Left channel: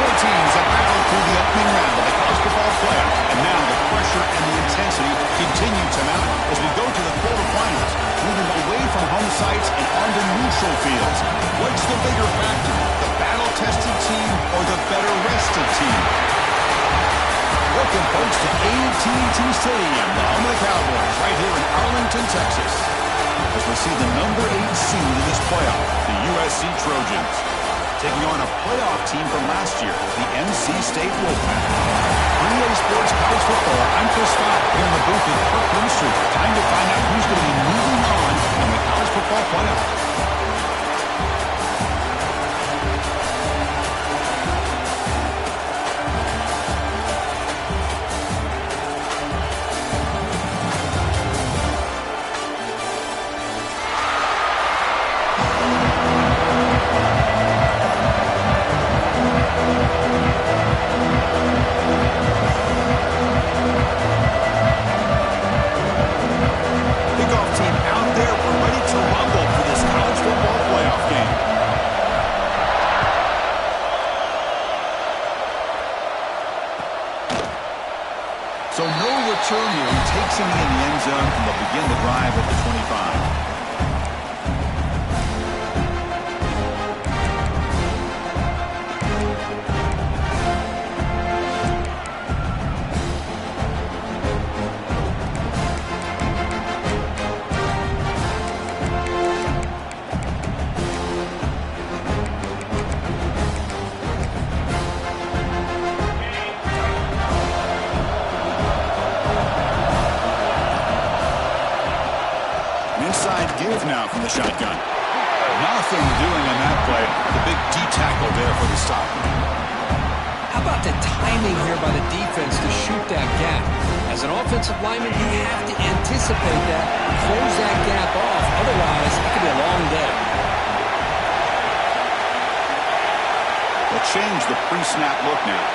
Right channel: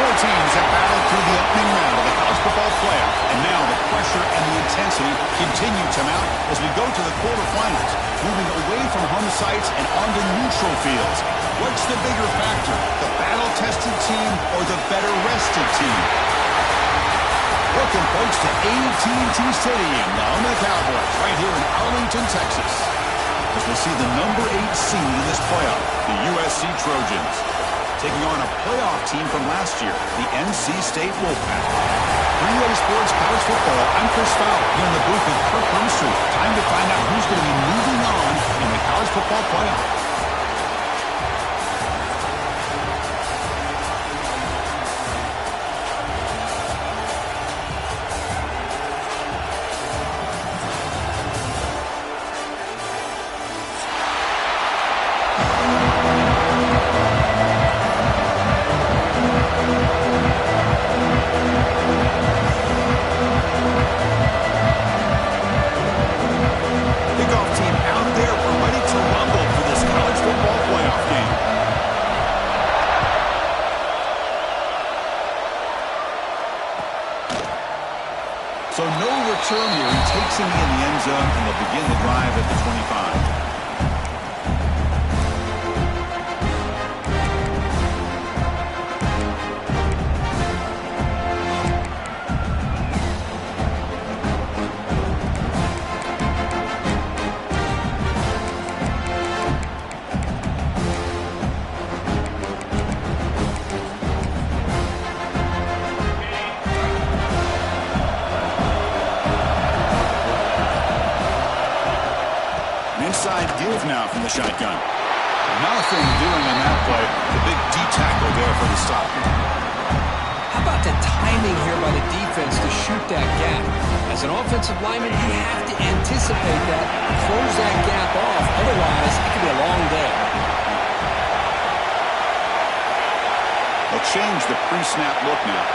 Four teams have battled through the opening round of the college football playoff, and now the pressure and the intensity continue to mount as we go to the quarterfinals, moving away from home sites and onto neutral fields. What's the bigger factor, the battle-tested team or the better-rested team? Welcome, folks, to AT&T Stadium, the home of the Cowboys, right here in Arlington, Texas, as we see the number 8 seed in this playoff, the USC Trojans, taking on a playoff team from last year, the NC State Wolfpack. For EA Sports College Football, I'm Chris Fowler here in the booth with Kirk Brimstreet. Time to find out who's going to be moving on in the college football playoff. So no return here. He takes him in the end zone, and they'll begin the drive at the 25. Inside give now from the shotgun. Nothing doing on that play. The big D tackle there for the stop. How about the timing here by the defense to shoot that gap? As an offensive lineman, you have to anticipate that, close that gap off. Otherwise, it could be a long day. They'll change the pre-snap look now.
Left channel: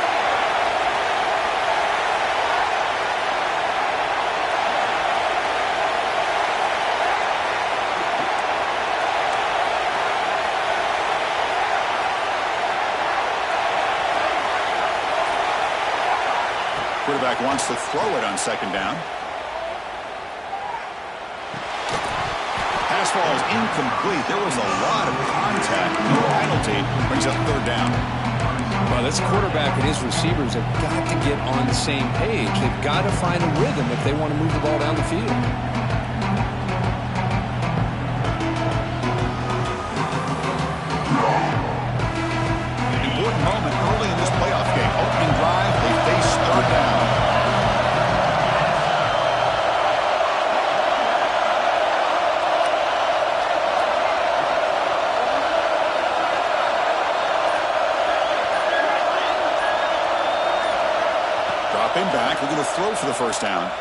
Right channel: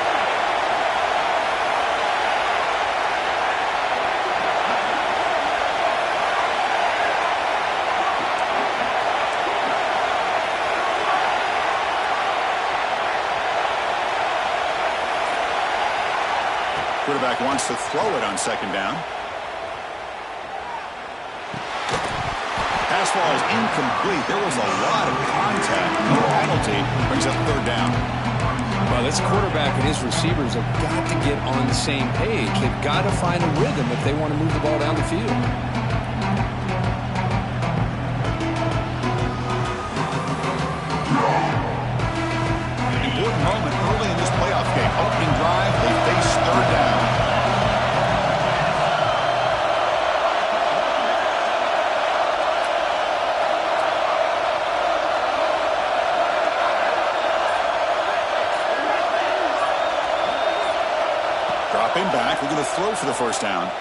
Quarterback wants to throw it on second down. Pass ball is incomplete. There was a lot of contact. No penalty. Brings up third down. Well, this quarterback and his receivers have got to get on the same page. They've got to find a rhythm if they want to move the ball down the field. Important moment early in this playoff game. Opening drive, they face third down. Dropping back, we're going to throw for the first down.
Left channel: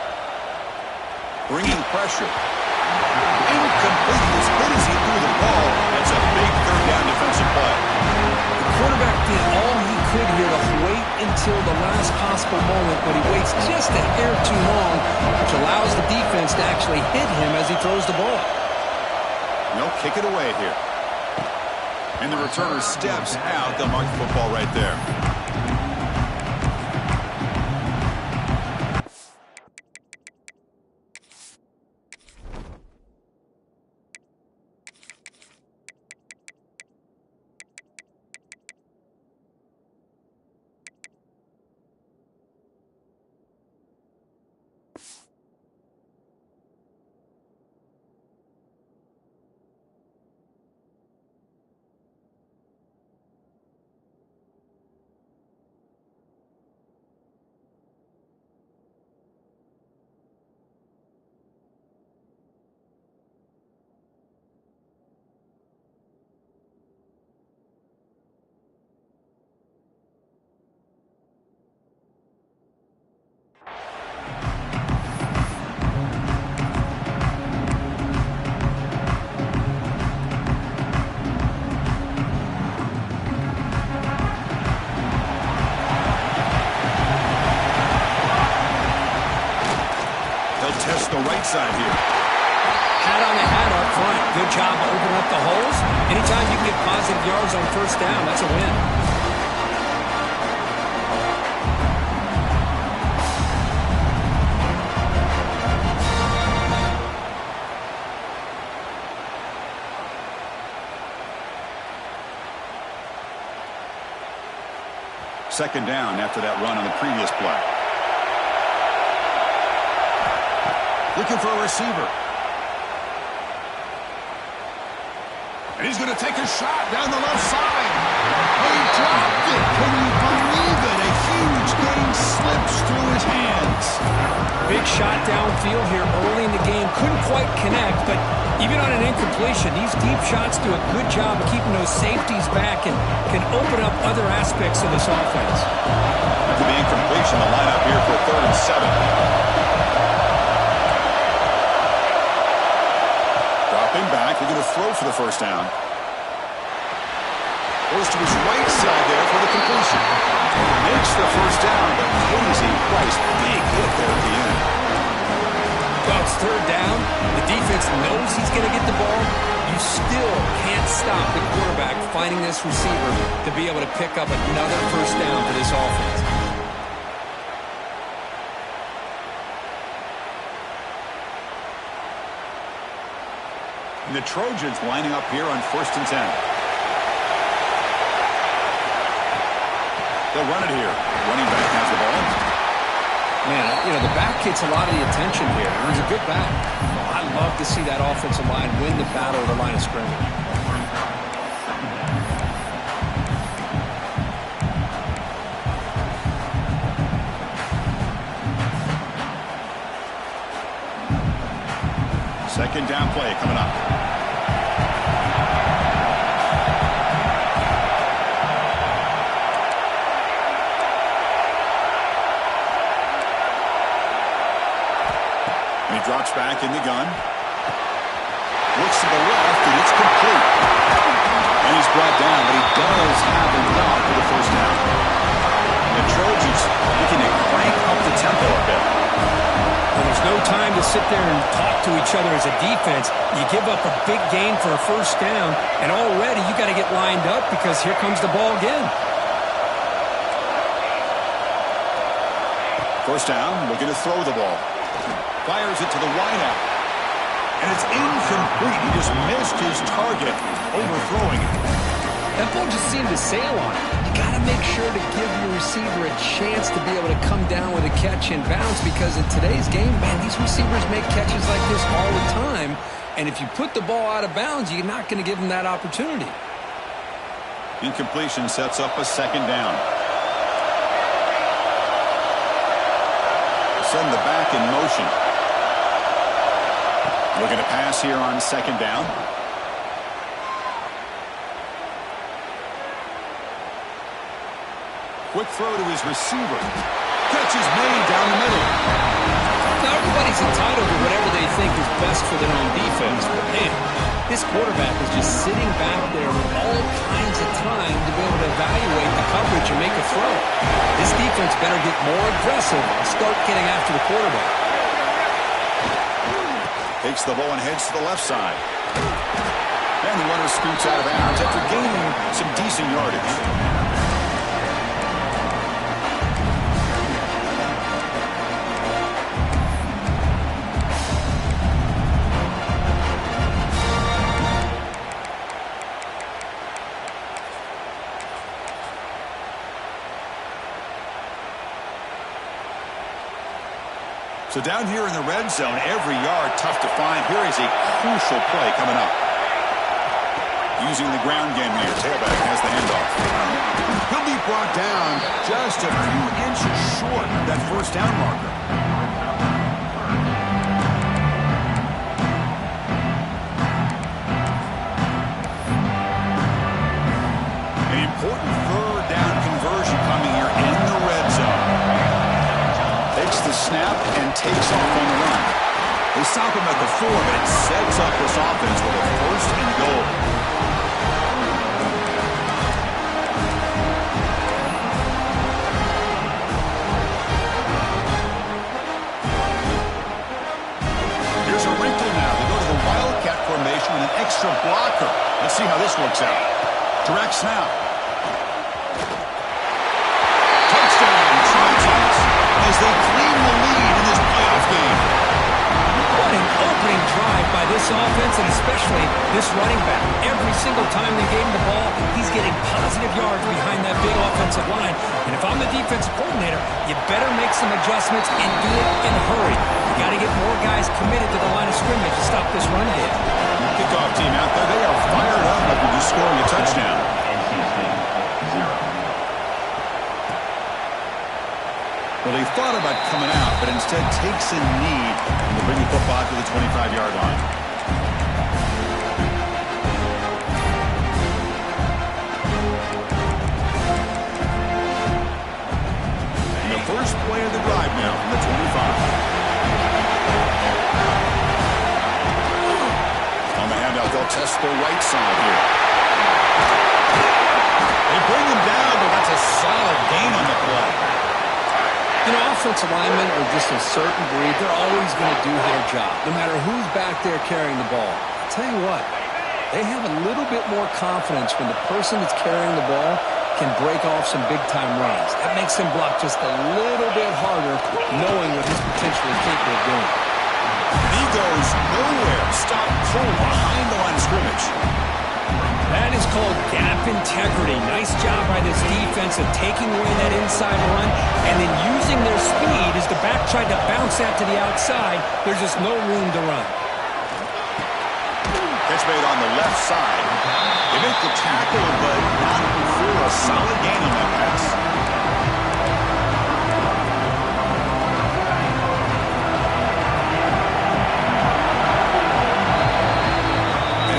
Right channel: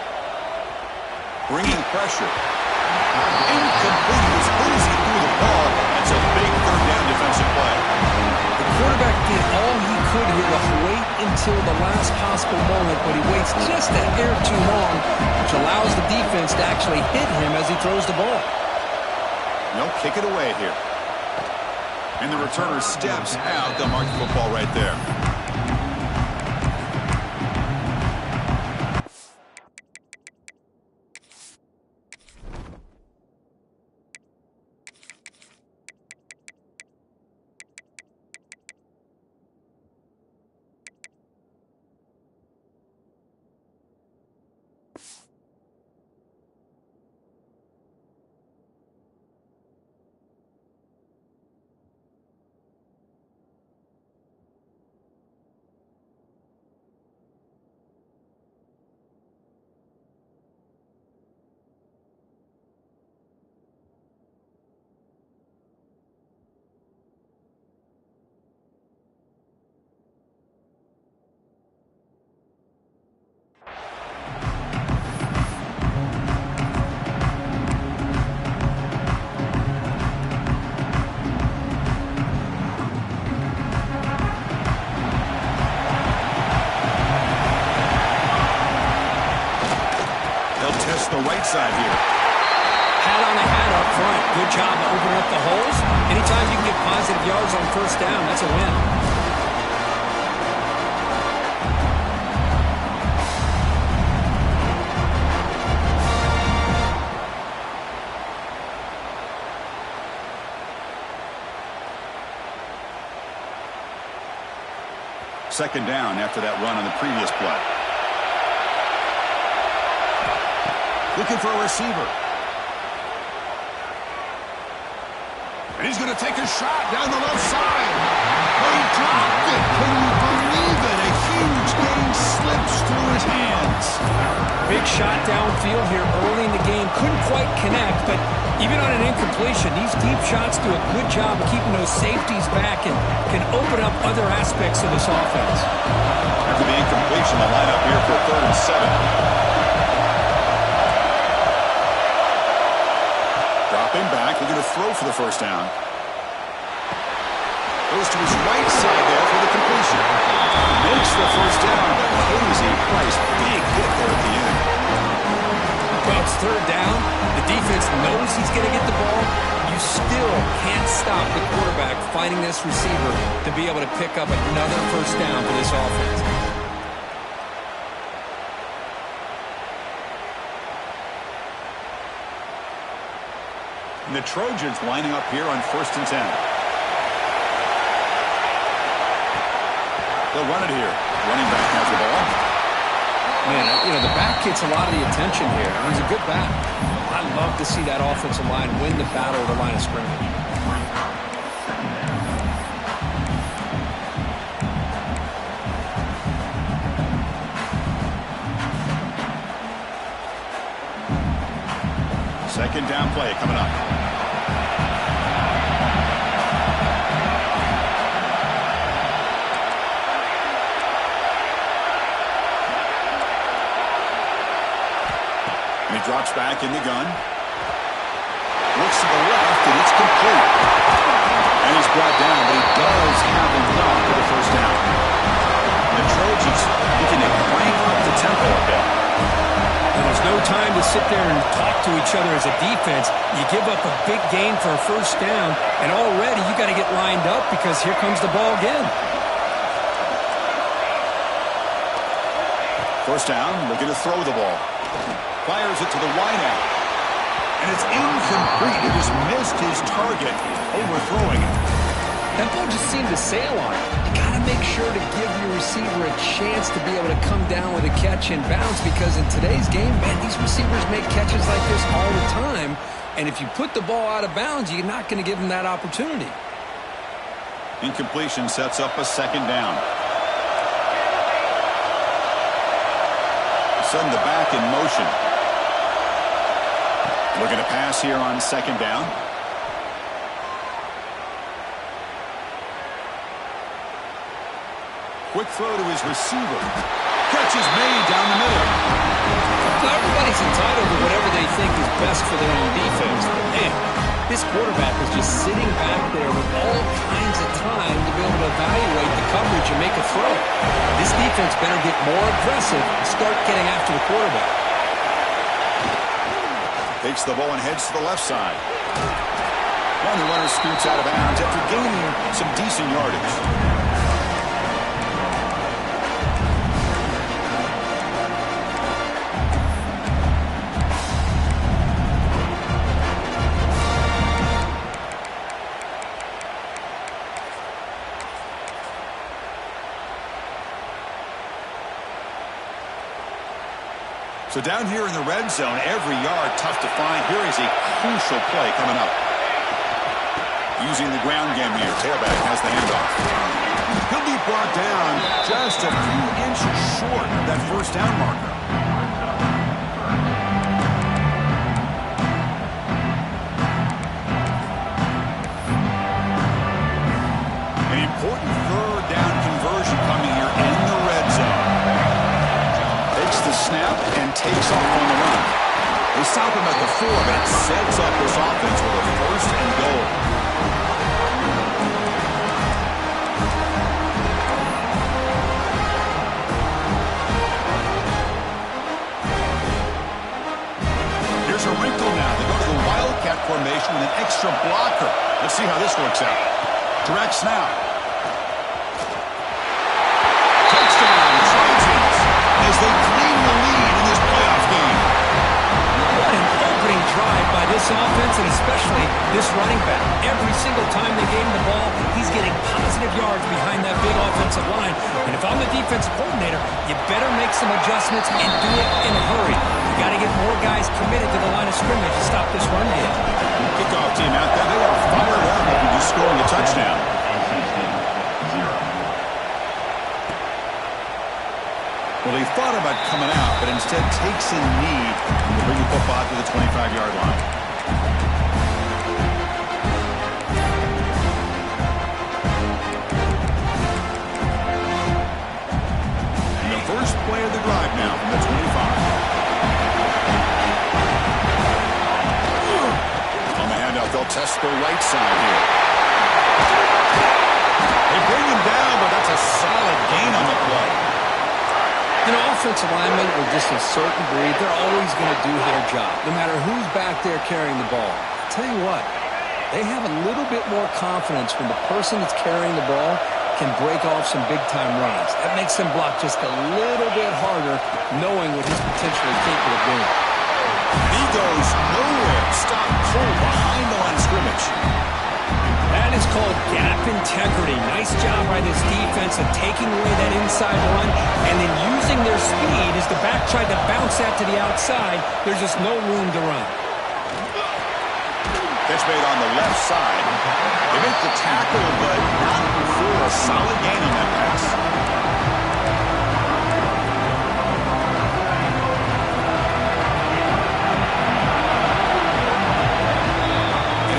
Bringing pressure. Incomplete. He was hit as he threw the ball. That's a big third down defensive play. The quarterback did all he could here to wait until the last possible moment, but he waits just a hair too long, which allows the defense to actually hit him as he throws the ball. No, kick it away here. And the returner steps out. They'll mark the football right there. Test the right side here. Hat on the hat up front. Good job of opening up the holes. Anytime you can get positive yards on first down, that's a win. Second down after that run on the previous play. Looking for a receiver. And he's going to take a shot down the left side. Oh, he dropped it. Can you believe it? A huge gain slips through his hands. Big shot downfield here early in the game. Couldn't quite connect, but even on an incompletion, these deep shots do a good job of keeping those safeties back and can open up other aspects of this offense. After the incompletion, the lineup here for 3rd and 7. Dropping back, they're going to throw for the first down. Goes to his right side there for the completion. Makes the first down, but pays a price. Big hit there at the end. Well, it's 3rd down. The defense knows he's going to get the ball. You still can't stop the quarterback finding this receiver to be able to pick up another first down for this offense. And the Trojans lining up here on 1st and 10. They'll run it here. Running back has the ball. Man, the back gets a lot of the attention here. He's a good back. I love to see that offensive line win the battle at the line of scrimmage. Second down play coming up. And he drops back in the gun. Looks to the left, and it's complete. And he's brought down, but he does have enough for the first down. The Trojans looking to crank up the tempo a bit. Well, there's no time to sit there and talk to each other as a defense. You give up a big gain for a first down, and already you got to get lined up because here comes the ball again. First down, looking to throw the ball. Fires it to the wideout. And it's incomplete. He just missed his target, overthrowing it. That ball just seemed to sail on it. You got to make sure to give your receiver a chance to be able to come down with a catch and bounce, because in today's game, man, these receivers make catches like this all the time. And if you put the ball out of bounds, you're not going to give them that opportunity. Incompletion sets up a second down. Send the back in motion. Looking to pass here on second down. Quick throw to his receiver. Catch is made down the middle. Now, everybody's entitled to whatever they think is best for their own defense. But, man, this quarterback is just sitting back there with all kinds of time to be able to evaluate the coverage and make a throw. This defense better get more aggressive and start getting after the quarterback. Takes the ball and heads to the left side. And the runner scoots out of bounds after gaining some decent yardage. So down here in the red zone, every yard tough to find. Here is a crucial play coming up. Using the ground game here. Tailback has the handoff. He'll be brought down just a few inches short of that first down marker. An important third down conversion coming here in the red zone. Takes the snap and takes off on the run. They stop him at the 4, but it sets up this offense with a first and goal. Here's a wrinkle now. They go to the Wildcat formation with an extra blocker. Let's see how this works out. Direct snap. Touchdown, Trojans, as they claim the lead in this playoff game. What an opening drive by this offense and especially this running back. Every single time they gave him the ball, he's getting positive yards behind that big offensive line. And if I'm the defensive coordinator, you better make some adjustments and do it in a hurry. You got to get more guys committed to the line of scrimmage to stop this run game. Kickoff team out there, they are fired up after just scoring a touchdown. Well, they thought about coming out, but instead takes a knee and they bring the football to the 25-yard line. And the first play of the drive now from the 25. On the handout, they'll test the right side here. They bring him down, but that's a solid gain on the play. You know, offensive linemen are just a certain breed. They're always going to do their job, no matter who's back there carrying the ball. I'll tell you what, they have a little bit more confidence when the person that's carrying the ball can break off some big-time runs. That makes them block just a little bit harder, knowing what he's potentially capable of doing. He goes nowhere. Stop cold behind the line of scrimmage. That is called gap integrity. Nice job by this defense of taking away that inside run and then using their speed as the back tried to bounce that to the outside. There's just no room to run. Catch made on the left side. They make the tackle, but not for a solid gain on that pass.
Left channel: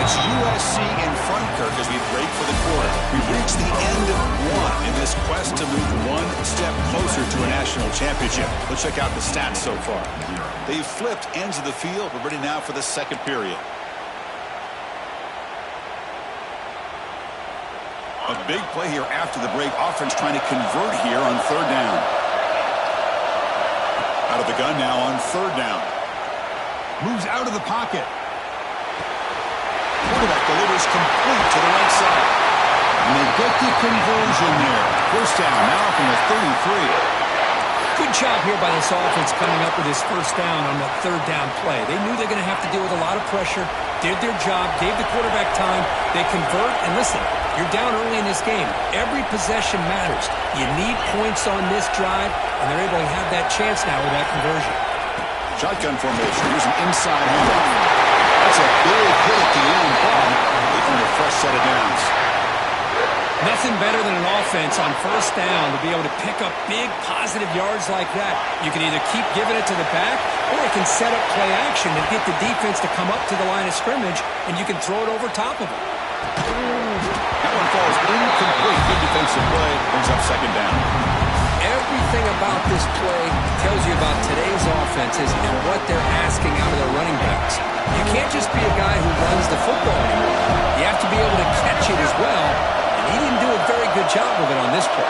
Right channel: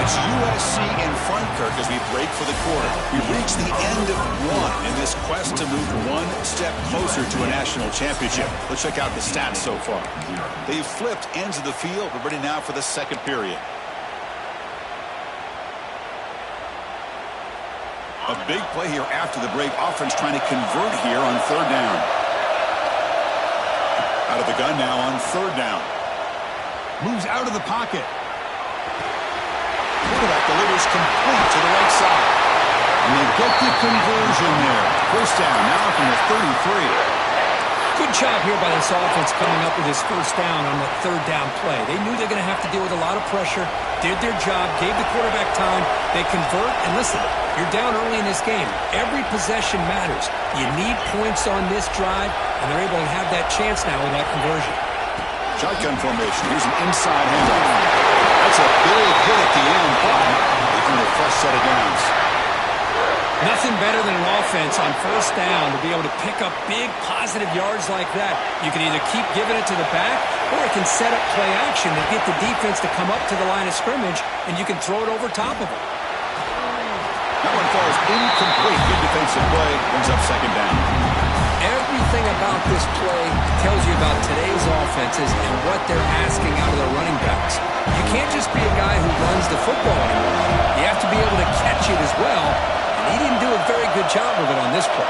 It's USC in front, Kirk, as we break for the quarter. We've reached the end of one in this quest to move one step closer to a national championship. Let's check out the stats so far. They've flipped ends of the field. We're ready now for the second period. A big play here after the break. Offense trying to convert here on third down. Out of the gun now on third down. Moves out of the pocket. Quarterback delivers complete to the right side. And they get the conversion there. First down now from the 33. Good job here by this offense coming up with his first down on that third down play. They knew they're going to have to deal with a lot of pressure, did their job, gave the quarterback time. They convert, and listen, you're down early in this game. Every possession matters. You need points on this drive, and they're able to have that chance now with that conversion. Shotgun formation. Here's an inside handoff. That's a big hit at the end, but they earn a fresh set of downs. Nothing better than an offense on first down to be able to pick up big positive yards like that. You can either keep giving it to the back, or it can set up play action and get the defense to come up to the line of scrimmage, and you can throw it over top of them. That one falls incomplete. Good defensive play. Brings up second down. Everything about this play tells you about today's offenses and what they're asking out of their running backs. You can't just be a guy who runs the football anymore. You have to be able to catch it as well, and he didn't do a very good job of it on this play.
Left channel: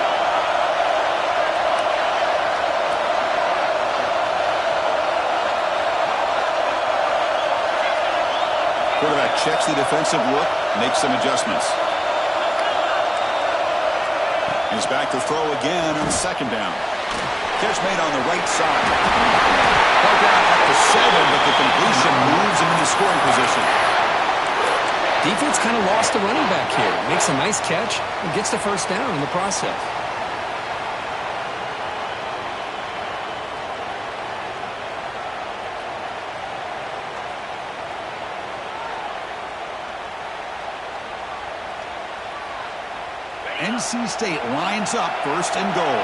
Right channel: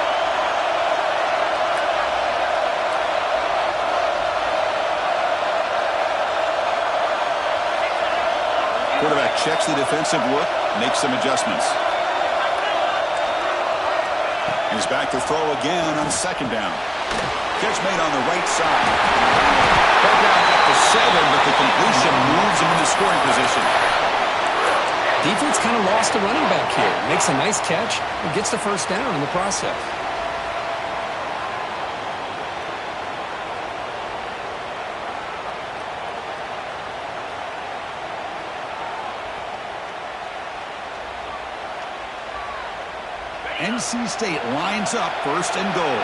Quarterback checks the defensive look, makes some adjustments. He's back to throw again on second down. Catch made on the right side. Brought down at the 7, but the completion moves him into scoring position. Defense kind of lost the running back here. Makes a nice catch and gets the first down in the process. NC State lines up first and goal.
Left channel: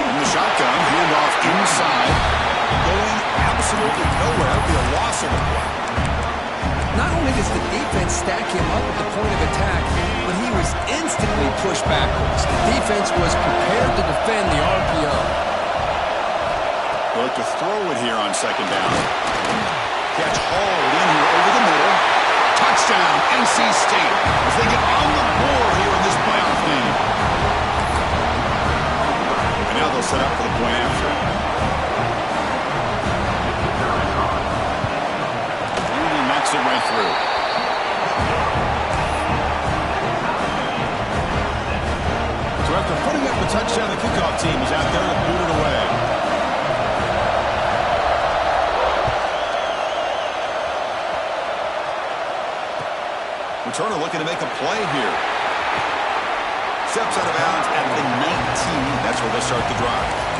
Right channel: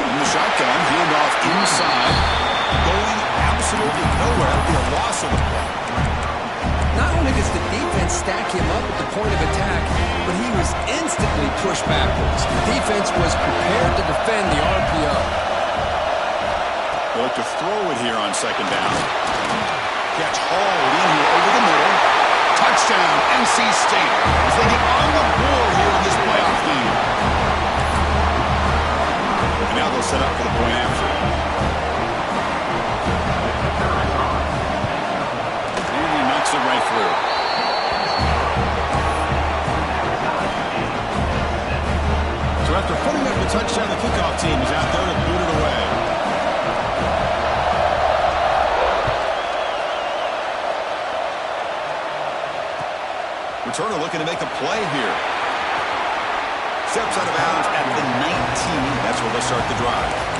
In the shotgun, handoff inside. Going absolutely nowhere. That would be a loss of the play. Not only does the defense stack him up at the point of attack, but he was instantly pushed backwards. The defense was prepared to defend the RPO. They'll look to throw it here on second down. Catch hauled in here over the middle. Touchdown, NC State, as they get on the board here in this playoff game. And now they'll set up for the point after. And he knocks it right through. So after putting up a touchdown, the kickoff team is out there to boot it returner looking to make a play here. Steps out of bounds at the 19. That's where they'll start the drive.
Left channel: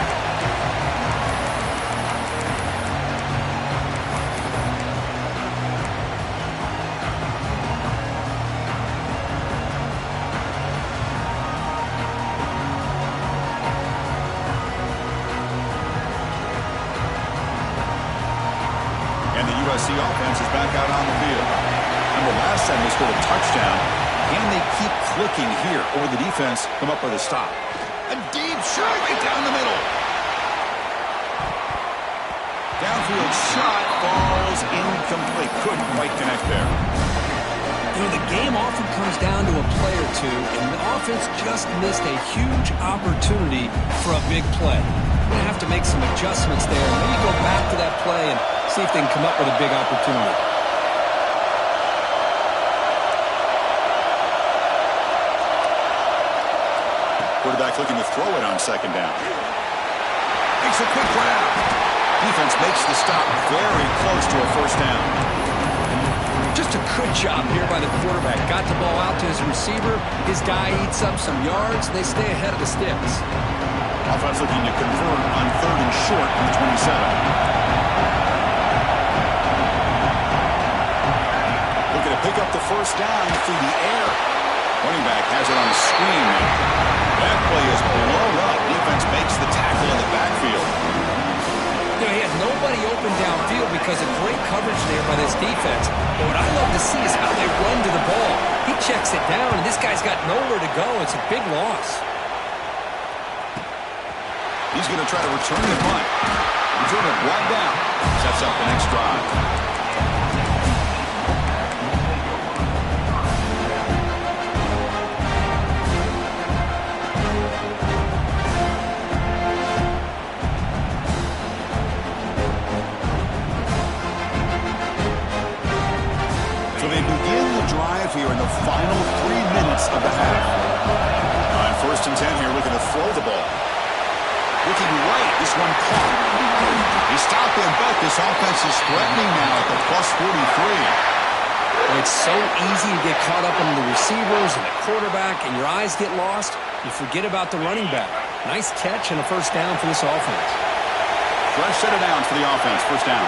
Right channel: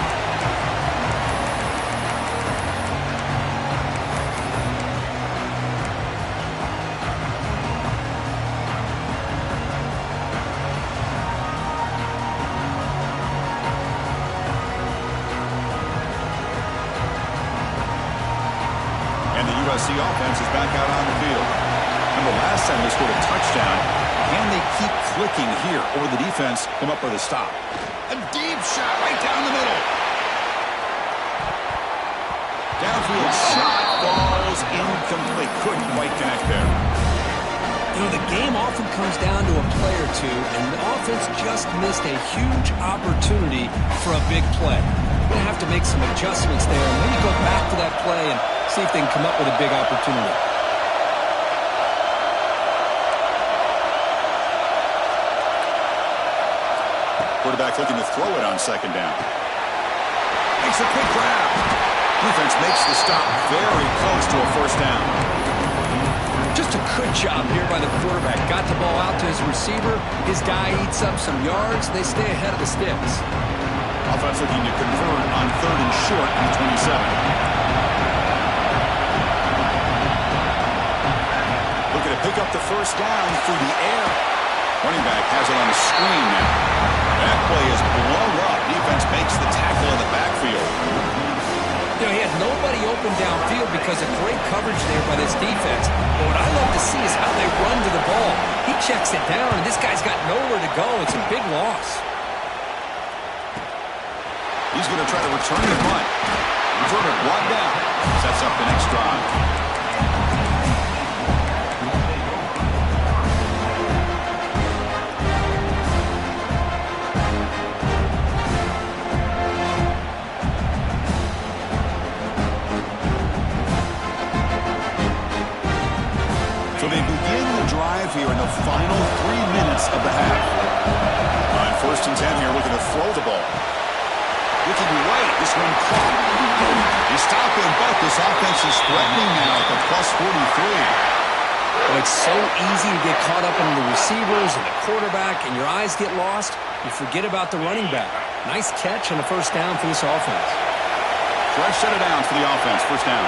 The offense is back out on the field. Remember last time they scored a touchdown. Can they keep clicking here, or will the defense come up with a stop? A deep shot right down the middle. Downfield shot falls incomplete. Couldn't quite connect there. You know, the game often comes down to a play or two, and the offense just missed a huge opportunity for a big play. They're going to have to make some adjustments there, and maybe go back to that play and see if they can come up with a big opportunity. Quarterback looking to throw it on second down. Makes a quick grab. Defense makes the stop very close to a first down. Just a good job here by the quarterback. Got the ball out to his receiver. His guy eats up some yards. They stay ahead of the sticks. Offense looking to convert on 3rd and short from 27. Looking to pick up the first down through the air. Running back has it on the screen now. That play is blown up. Defense makes the tackle in the backfield. You know, he had nobody open downfield because of great coverage there by this defense. But what I love to see is how they run to the ball. He checks it down, and this guy's got nowhere to go. It's a big loss. He's going to try to return the punt. Returner brought down. Sets up the next drive. So they begin the drive here in the final 3 minutes of the half. On 1st and 10 here, looking to throw the ball. Looking right, this one caught. They stop him, but this offense is threatening now at the plus 43. Well, it's so easy to get caught up on the receivers and the quarterback, and your eyes get lost. You forget about the running back. Nice catch and a first down for this offense. Fresh set of downs for the offense, first down.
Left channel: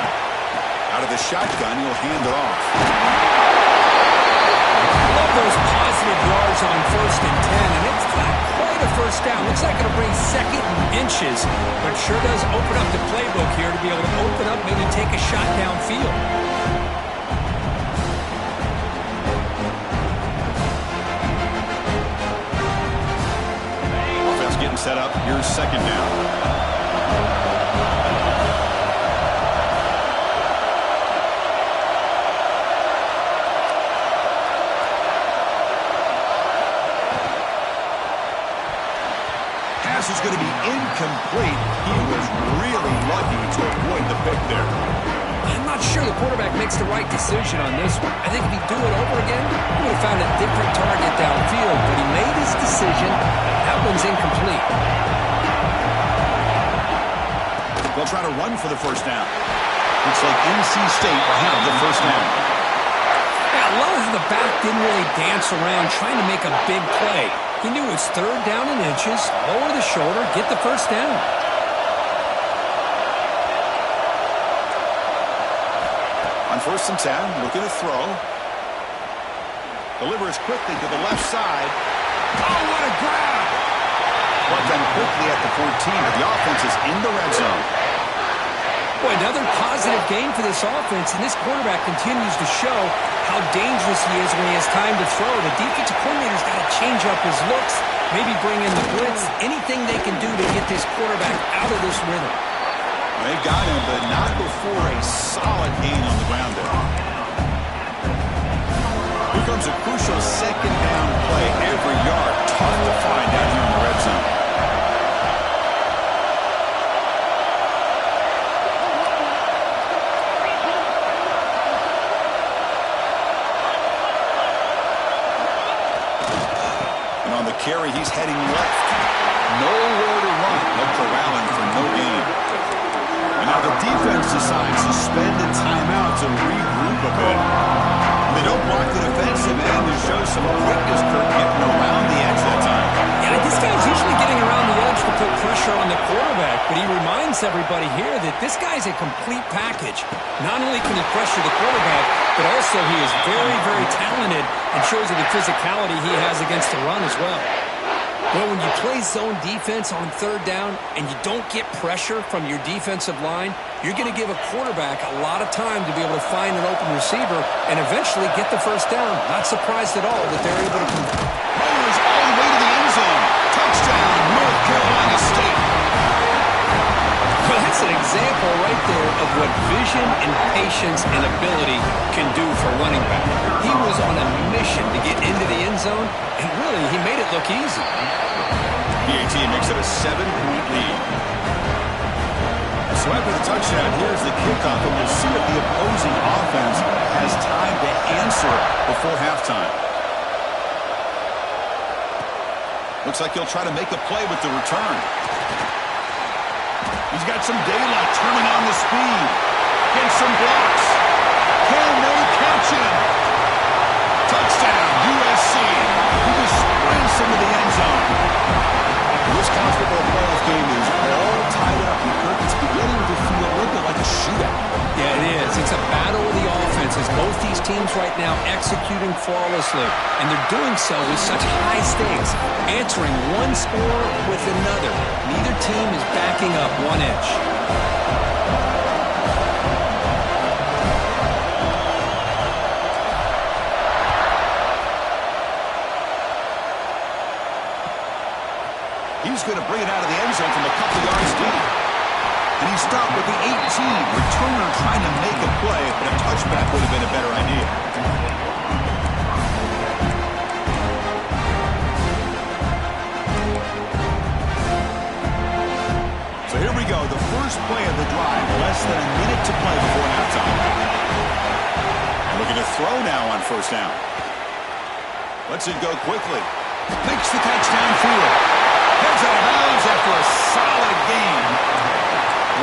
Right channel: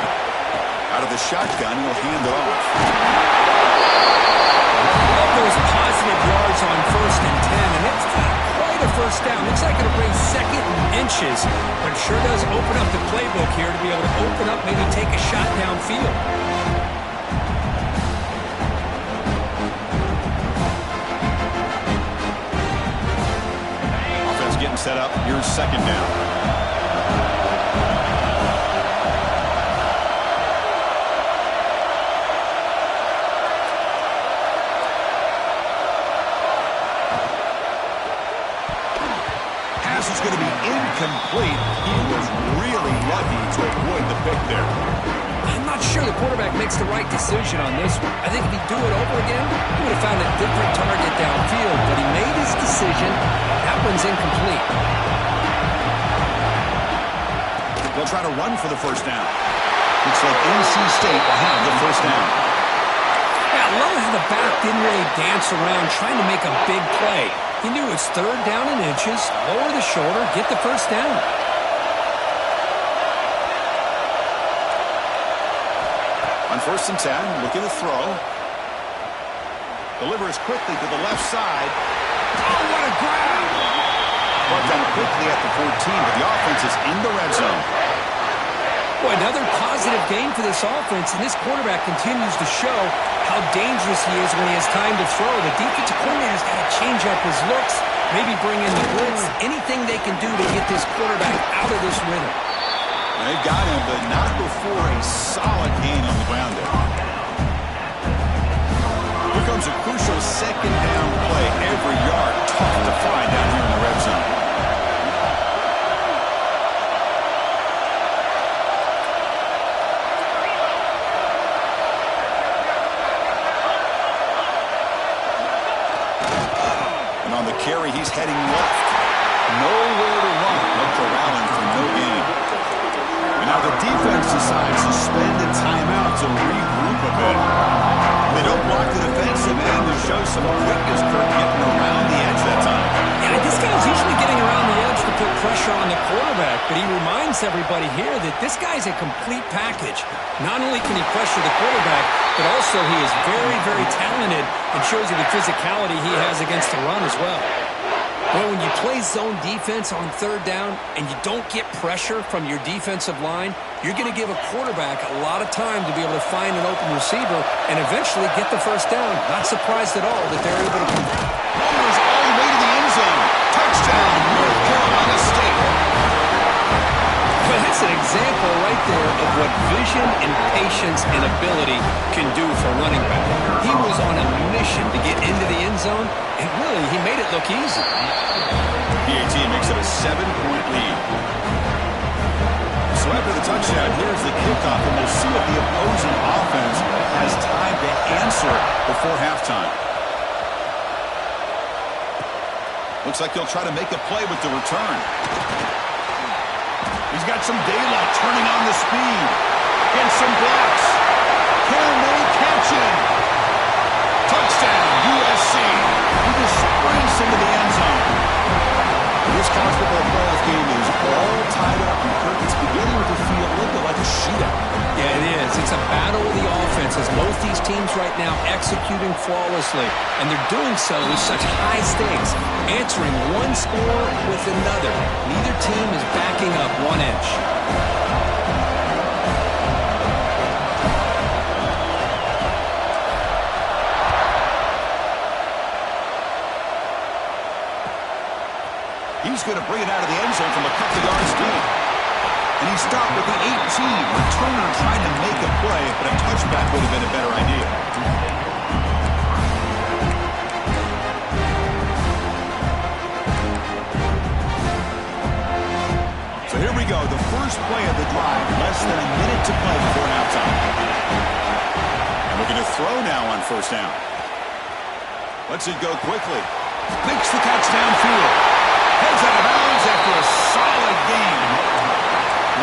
Out of the shotgun, he'll hand it off. Love those positive yards on 1st and 10, and it's not quite a first down. Looks like it'll bring 2nd and inches, but it sure does open up the playbook here to be able to open up, maybe take a shot downfield. Offense getting set up. Here's 2nd down. Is going to be incomplete. He was really lucky to avoid the pick there. I'm not sure the quarterback makes the right decision on this one. I think if he'd do it over again, he would have found a different target downfield, but he made his decision. That one's incomplete. They'll try to run for the first down. Looks like NC State will have the first down. Yeah, I love how the back didn't really dance around trying to make a big play. He knew it's 3rd down and inches, lower the shoulder, get the first down. On 1st and 10, looking to throw. Delivers quickly to the left side. Oh, what a grab! Brought down quickly at the 14, but the offense is in the red zone. Boy, another positive game for this offense, and this quarterback continues to show how dangerous he is when he has time to throw. The defensive coordinator's got to change up his looks, maybe bring in the blitz, anything they can do to get this quarterback out of this rhythm. They've got him, but not before a solid gain on the ground there. Here comes a crucial 2nd down play. Every yard tough to find down here in the red zone. On the carry, he's heading left. Nowhere to run. They'll corral him for no gain. And now the defense decides to spend a timeout to regroup a bit. They don't block the defensive end and show some quickness, Kurt, getting around the edge that time. Yeah, this guy's usually getting around the edge to put pressure on the quarterback, but he reminds everybody here that this guy's a complete package. Not only can he pressure the quarterback, but also he is very, very talented and shows you the physicality he has against the run as well. Well, when you play zone defense on third down and you don't get pressure from your defensive line, you're going to give a quarterback a lot of time to be able to find an open receiver and eventually get the first down. Not surprised at all that they're able to convert. Rollers all the way to the end zone. Touchdown, North Carolina State. Well, that's an example right there of what vision and patience and ability can do for running back. He was on a mission to get into the end zone, and really, he made it look easy. PAT makes it a 7-point lead. So after the touchdown, here's the kickoff, and we'll see if the opposing offense has time to answer before halftime. Looks like he'll try to make a play with the return. He's got some daylight, turning on the speed. Against some blocks. Can they catch him? Touchdown, USC. He just sprints into the end zone. This college football playoff game is all tied up. And Kirk, it's beginning to feel a little bit like a shootout. Yeah, it is. It's a battle of the offenses. Both these teams right now executing flawlessly, and they're doing so with such high stakes, answering one score with another. Neither team is backing up 1 inch. He's going to bring it out of the end zone from a couple yards deep. And he stopped at the 18. Returner trying to make a play, but a touchback would have been a better idea. So here we go. The first play of the drive. Less than a minute to play before halftime. And looking to throw now on first down. Lets it go quickly. Makes the catch downfield. Heads out of bounds after a solid game.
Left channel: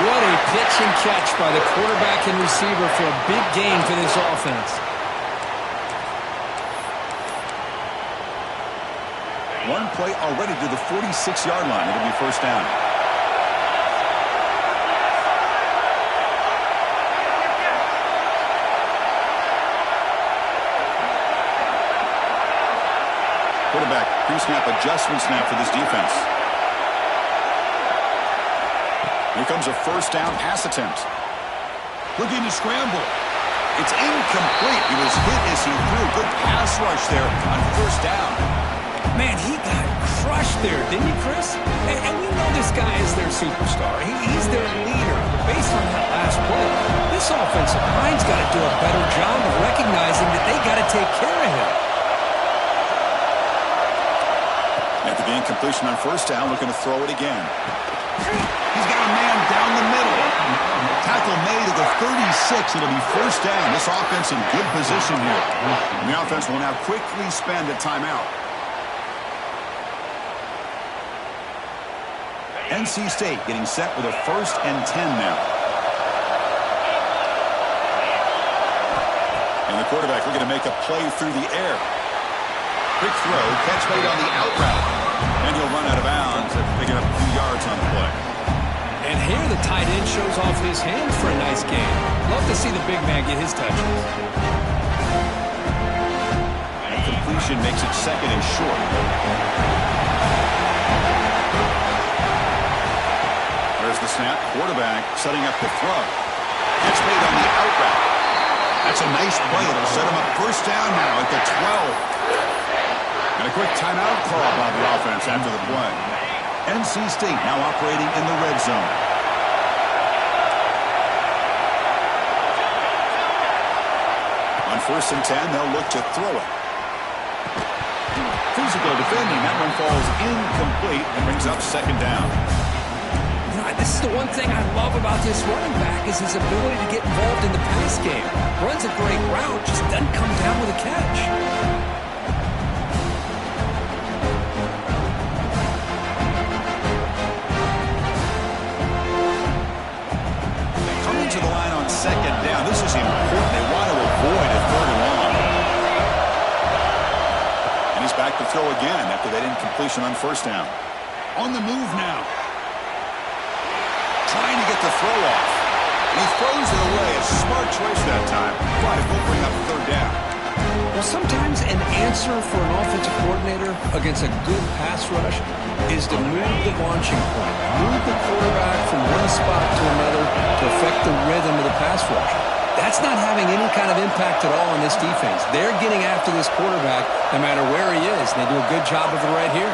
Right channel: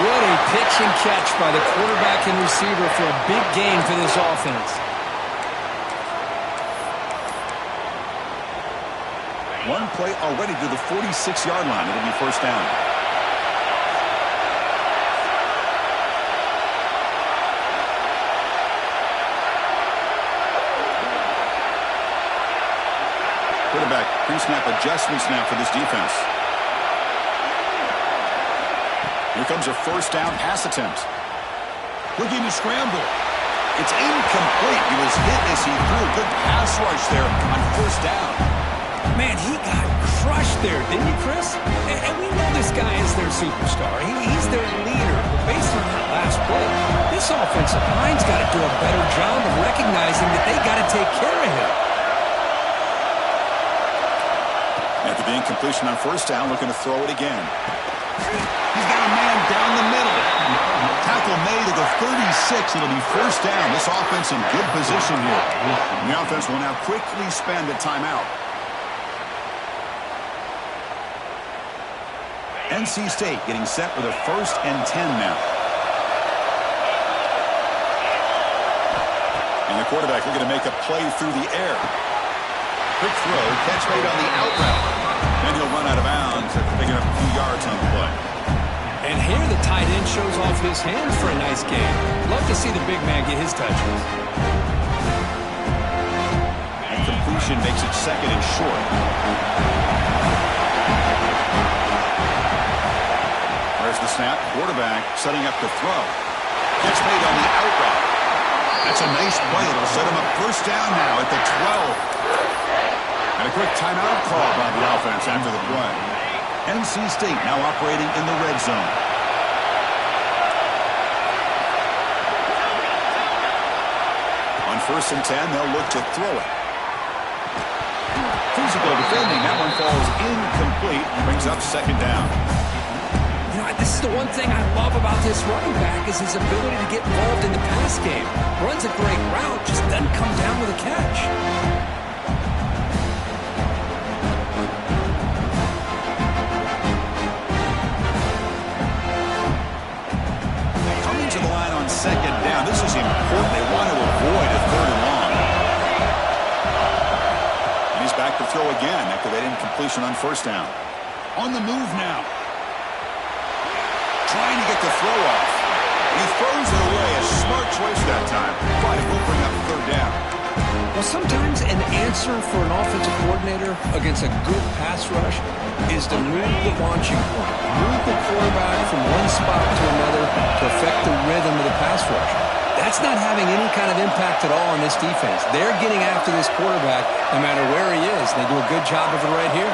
What a pitch and catch by the quarterback and receiver for a big gain for this offense. One play already to the 46-yard line. It'll be first down. Quarterback pre-snap adjustment snap for this defense. Here comes a first down pass attempt. Looking to scramble. It's incomplete. He was hit as he threw. Good pass rush there on first down. Man, he got crushed there, didn't you, Chris? And we know this guy is their superstar. He's their leader. But based on that last play, this offensive line's got to do a better job of recognizing that they got to take care of him. After the incompletion on first down, looking to throw it again. He's got a man down the middle. Tackle made at the 36. It'll be first down. This offense in good position here. And the offense will now quickly spend a timeout. NC State getting set with a 1st and 10 now. And the quarterback looking to make a play through the air. Quick throw, catch made on the out route. And he'll run out of bounds after picking up a few yards on the play. And here the tight end shows off his hands for a nice gain. Love to see the big man get his touches. And completion makes it 2nd and short. There's the snap. Quarterback setting up to throw. Catch made on the out route. That's a nice play. It'll set him up first down now at the 12. And a quick timeout call by the offense after the play. NC State now operating in the red zone. On 1st and 10, they'll look to throw it. Physical defending. That one falls incomplete. Brings up 2nd down. You know, this is the one thing I love about this running back is his ability to get involved in the pass game. Runs a great route, just doesn't come down with a catch. Coming to the line on 2nd down. This is important. They want to avoid a 3rd and long. He's back to throw again after that incompletion on first down. On the move now. Trying to get the throw off. And he throws it away. A smart choice that time. But it will bring up third down. Well, sometimes an answer for an offensive coordinator against a good pass rush is to move the launching point. Move the quarterback from one spot to another to affect the rhythm of the pass rush. That's not having any kind of impact at all on this defense. They're getting after this quarterback no matter where he is. They do a good job of it right here.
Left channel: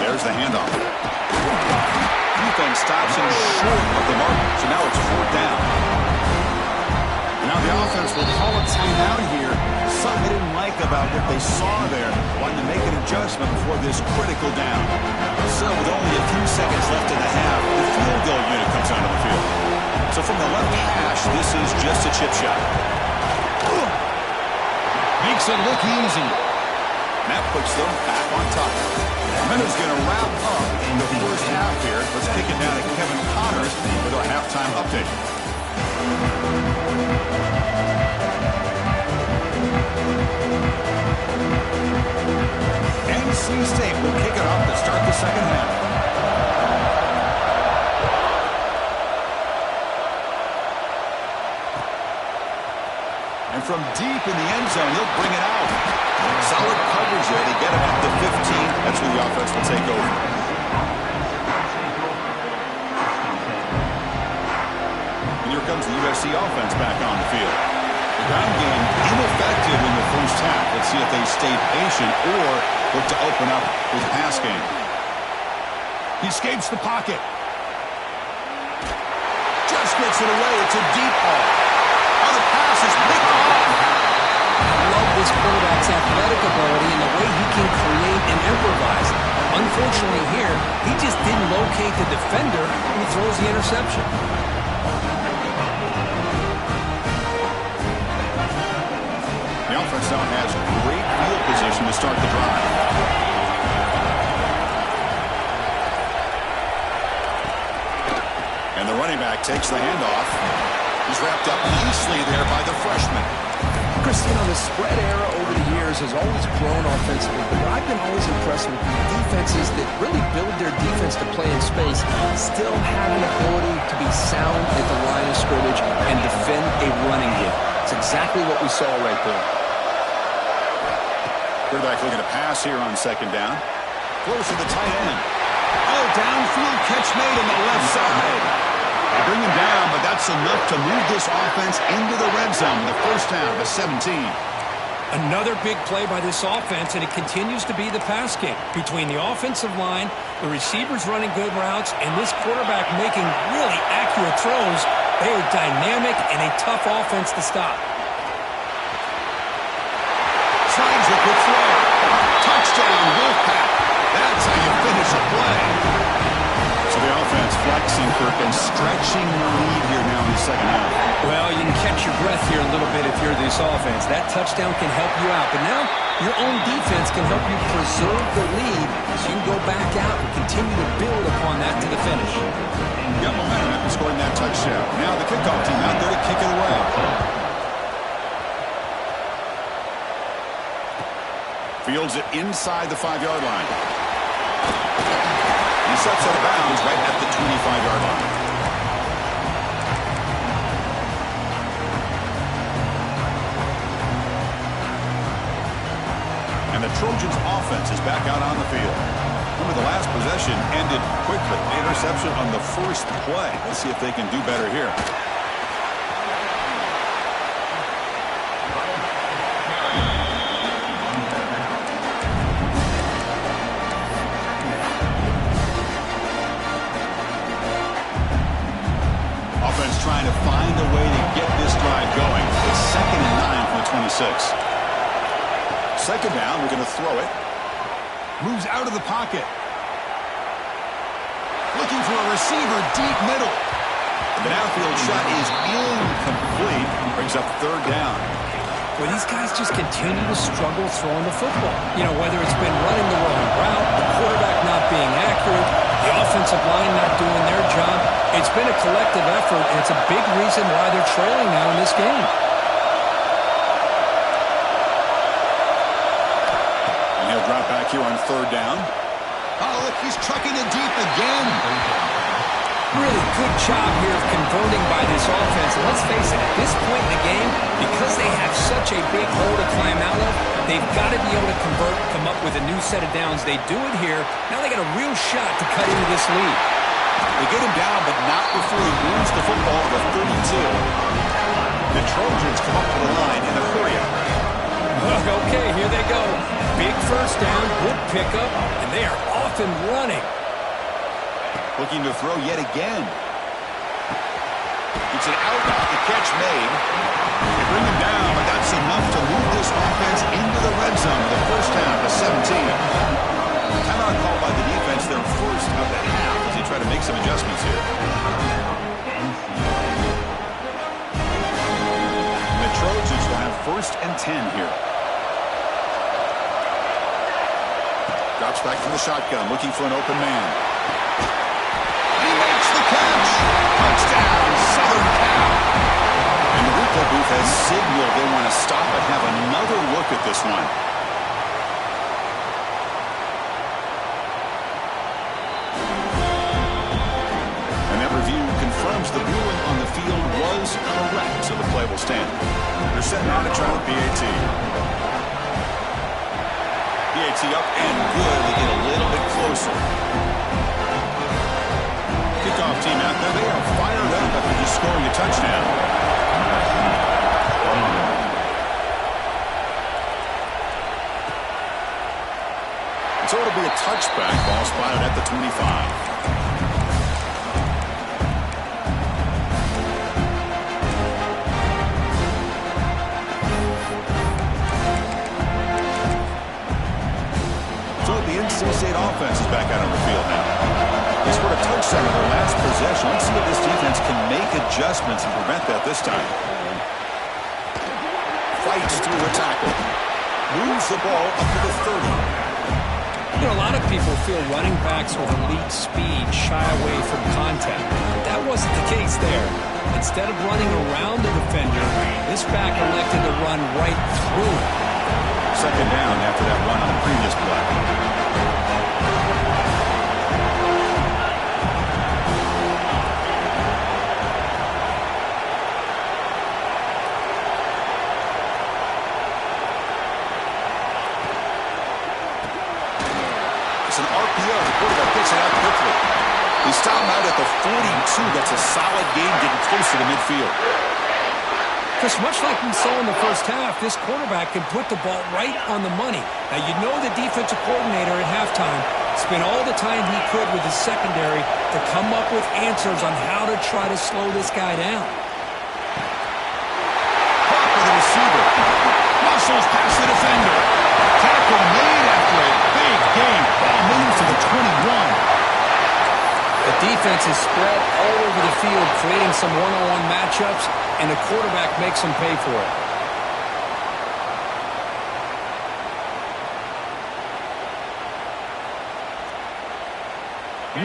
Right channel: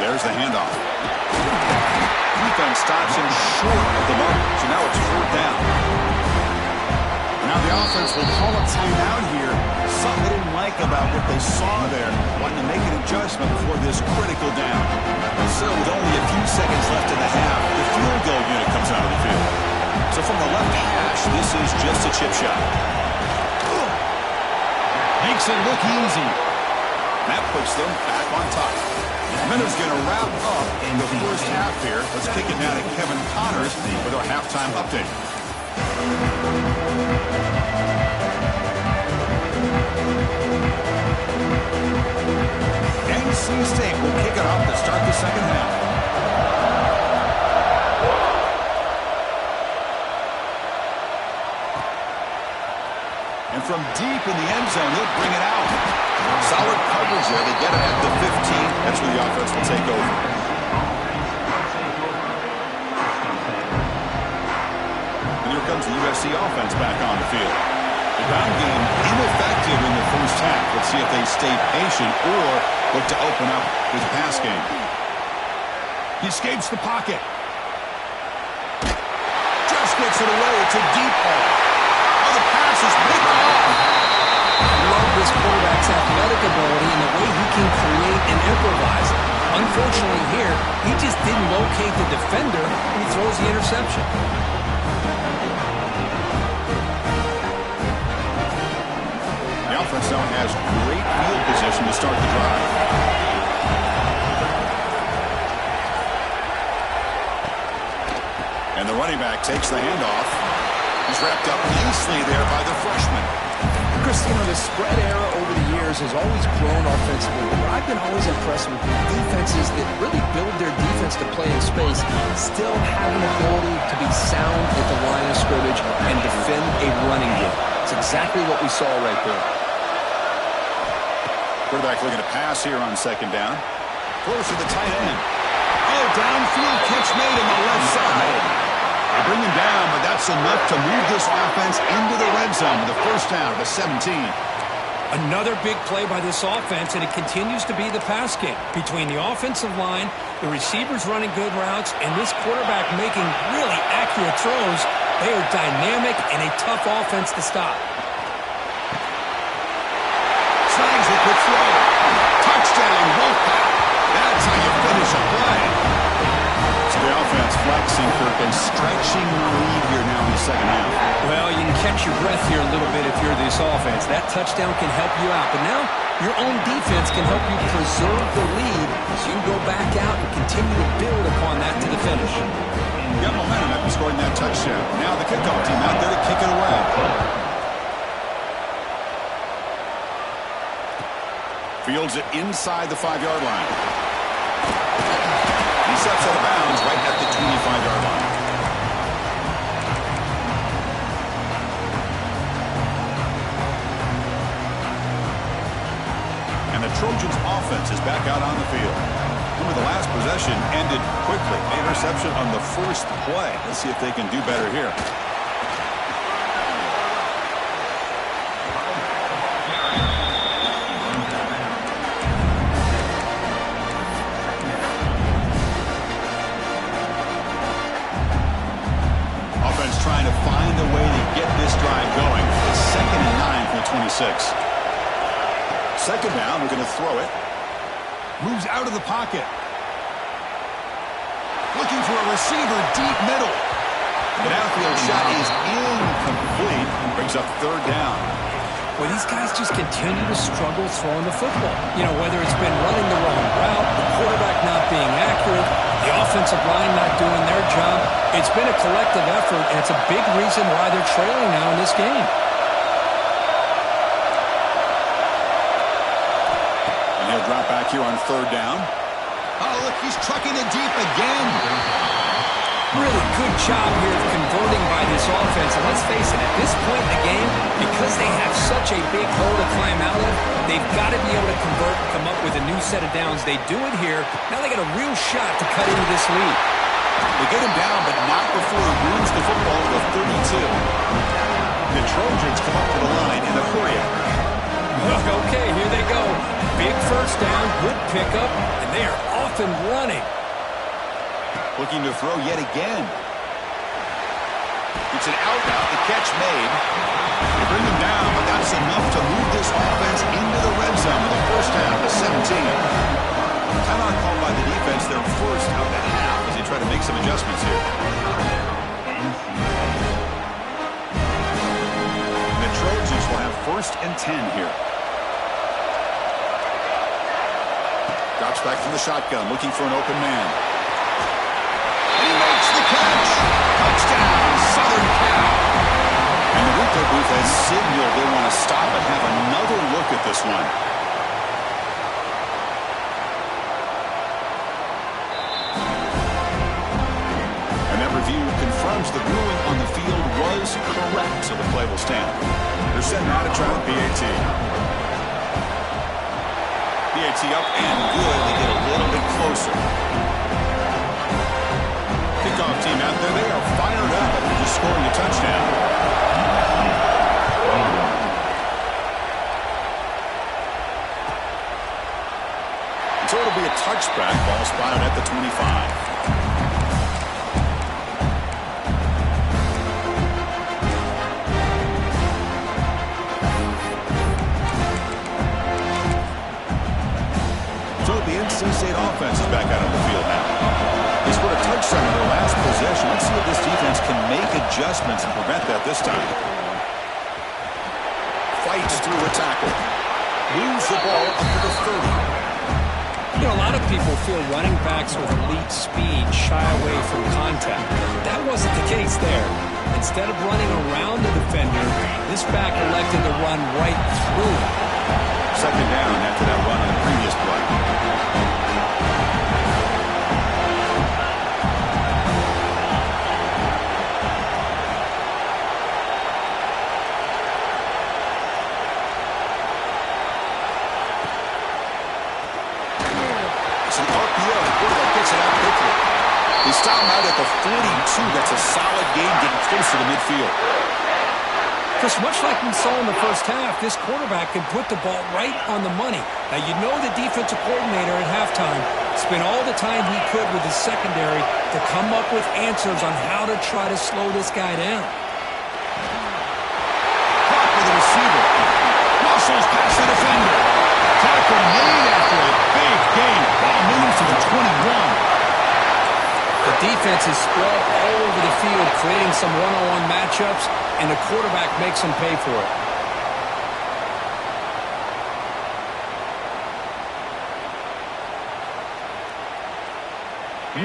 There's the handoff. Defense stops him short of the mark, so now it's fourth down. Now the offense will call a timeout here. Something they didn't like about what they saw there. Wanting to make an adjustment before this critical down. So with only a few seconds left in the half, the field goal unit comes out of the field. So from the left hash, this is just a chip shot. Makes it look easy. That puts them back on top. Minutes going to wrap up in the first half here. Let's kick it down to Kevin Connors with our halftime update. NC State will kick it off to start the second half. And from deep in the end zone, he'll bring it out. Solid coverage there. They get him at the 15. That's where the offense will take over. And here comes the USC offense back on the field. The ground game ineffective in the first half. Let's see if they stay patient or look to open up with pass game. He escapes the pocket. Just gets it away. It's a deep ball. Oh, the pass is picked off. I love this quarterback's athletic ability and the way he can create and improvise. Unfortunately here, he just didn't locate the defender and he throws the interception. The offense now has great field position to start the drive. And the running back takes the handoff. He's wrapped up nicely there by the freshman. Chris, you know, the spread era over the years has always grown offensively, but I've been always impressed with the defenses that really build their defense to play in space, still have an ability to be sound at the line of scrimmage and defend a running game. It's exactly what we saw right there. Quarterback looking to pass here on second down. Close to the tight end. Oh, downfield catch made on the left side. They bring him down, but that's enough to move this offense into the red zone with a first down to 17. Another big play by this offense, and it continues to be the pass game. Between the offensive line, the receivers running good routes, and this quarterback making really accurate throws, they are dynamic and a tough offense to stop. Slides a quick throw. Touchdown, Wolfpack. That's how you finish a play. So the offense flexing, Kirk, and stretching the lead here now in the second half. Well, you can catch your breath here a little bit if you're this offense. That touchdown can help you out. But now your own defense can help you preserve the lead so you can go back out and continue to build upon that to the finish. Got momentum after scoring that touchdown. Now the kickoff team out there to kick it away. Fields it inside the 5-yard line. He steps out of bounds right at the 25-yard line. And the Trojans' offense is back out on the field. Remember, the last possession ended quickly. Interception on the first play. Let's see if they can do better here. Offense trying to find a way to get this drive going. It's 2nd and 9 from the 26. Second down, we're going to throw it. Moves out of the pocket. Looking for a receiver deep middle. The downfield shot is incomplete. Brings up third down. where these guys just continue to struggle throwing the football. You know, whether it's been running the wrong route, the quarterback not being accurate, the offensive line not doing their job. It's been a collective effort, and it's a big reason why they're trailing now in this game. And he'll drop back here on 3rd down. Oh, look, he's trucking it deep again. Really good job here of converting by this offense. And let's face it, at this point in the game, because they have such a big hole to climb out of, they've got to be able to convert, come up with a new set of downs. They do it here. Now they got a real shot to cut into this lead. They get him down, but not before he moves the football to the 32. The Trojans come up to the line in a hurry-up. Okay, here they go. Big first down, good pickup, and they are off and running. Looking to throw yet again. It's an out route, the catch made. They bring him down, but that's enough to move this offense into the red zone with a first down to 17. Timeout called by the defense, their first of the half as they try to make some adjustments here. The Trojans will have 1st and 10 here. Drops back from the shotgun, looking for an open man. And he makes the catch. Touchdown, Southern Cal. And the replay booth has signaled they want to stop and have another look at this one. And that review confirms the ruling on the field was correct, so the play will stand. They're set now to try with BAT. BAT up and good. They get a little bit closer. Kickoff team out there. They are fired up after just scoring a touchdown. And so it'll be a touchback. Ball spotted at the 25. So the NC State offense is back out on the field now. They scored a touchdown in their last possession. Let's see if this defense can make adjustments and prevent that this time. Fights through a tackle. Moves the ball up to the 30. You know, a lot of people feel running backs with elite speed shy away from contact. That wasn't the case there. Instead of running around the defender, this back elected to run right through it. 2nd down after that run on the previous play. It's an RPO. The quarterback gets it out quickly. They stop him out at the 42. That's a solid game getting close to the midfield. Chris, much like we saw in the first half, this quarterback can put the ball right on the money. Now, you know the defensive coordinator at halftime spent all the time he could with his secondary to come up with answers on how to try to slow this guy down. Caught for the receiver. Muscles past the defender. Tackle made after a big gain. Ball moves to the 21. The defense is spread all over the field, creating some one-on-one matchups, and the quarterback makes them pay for it.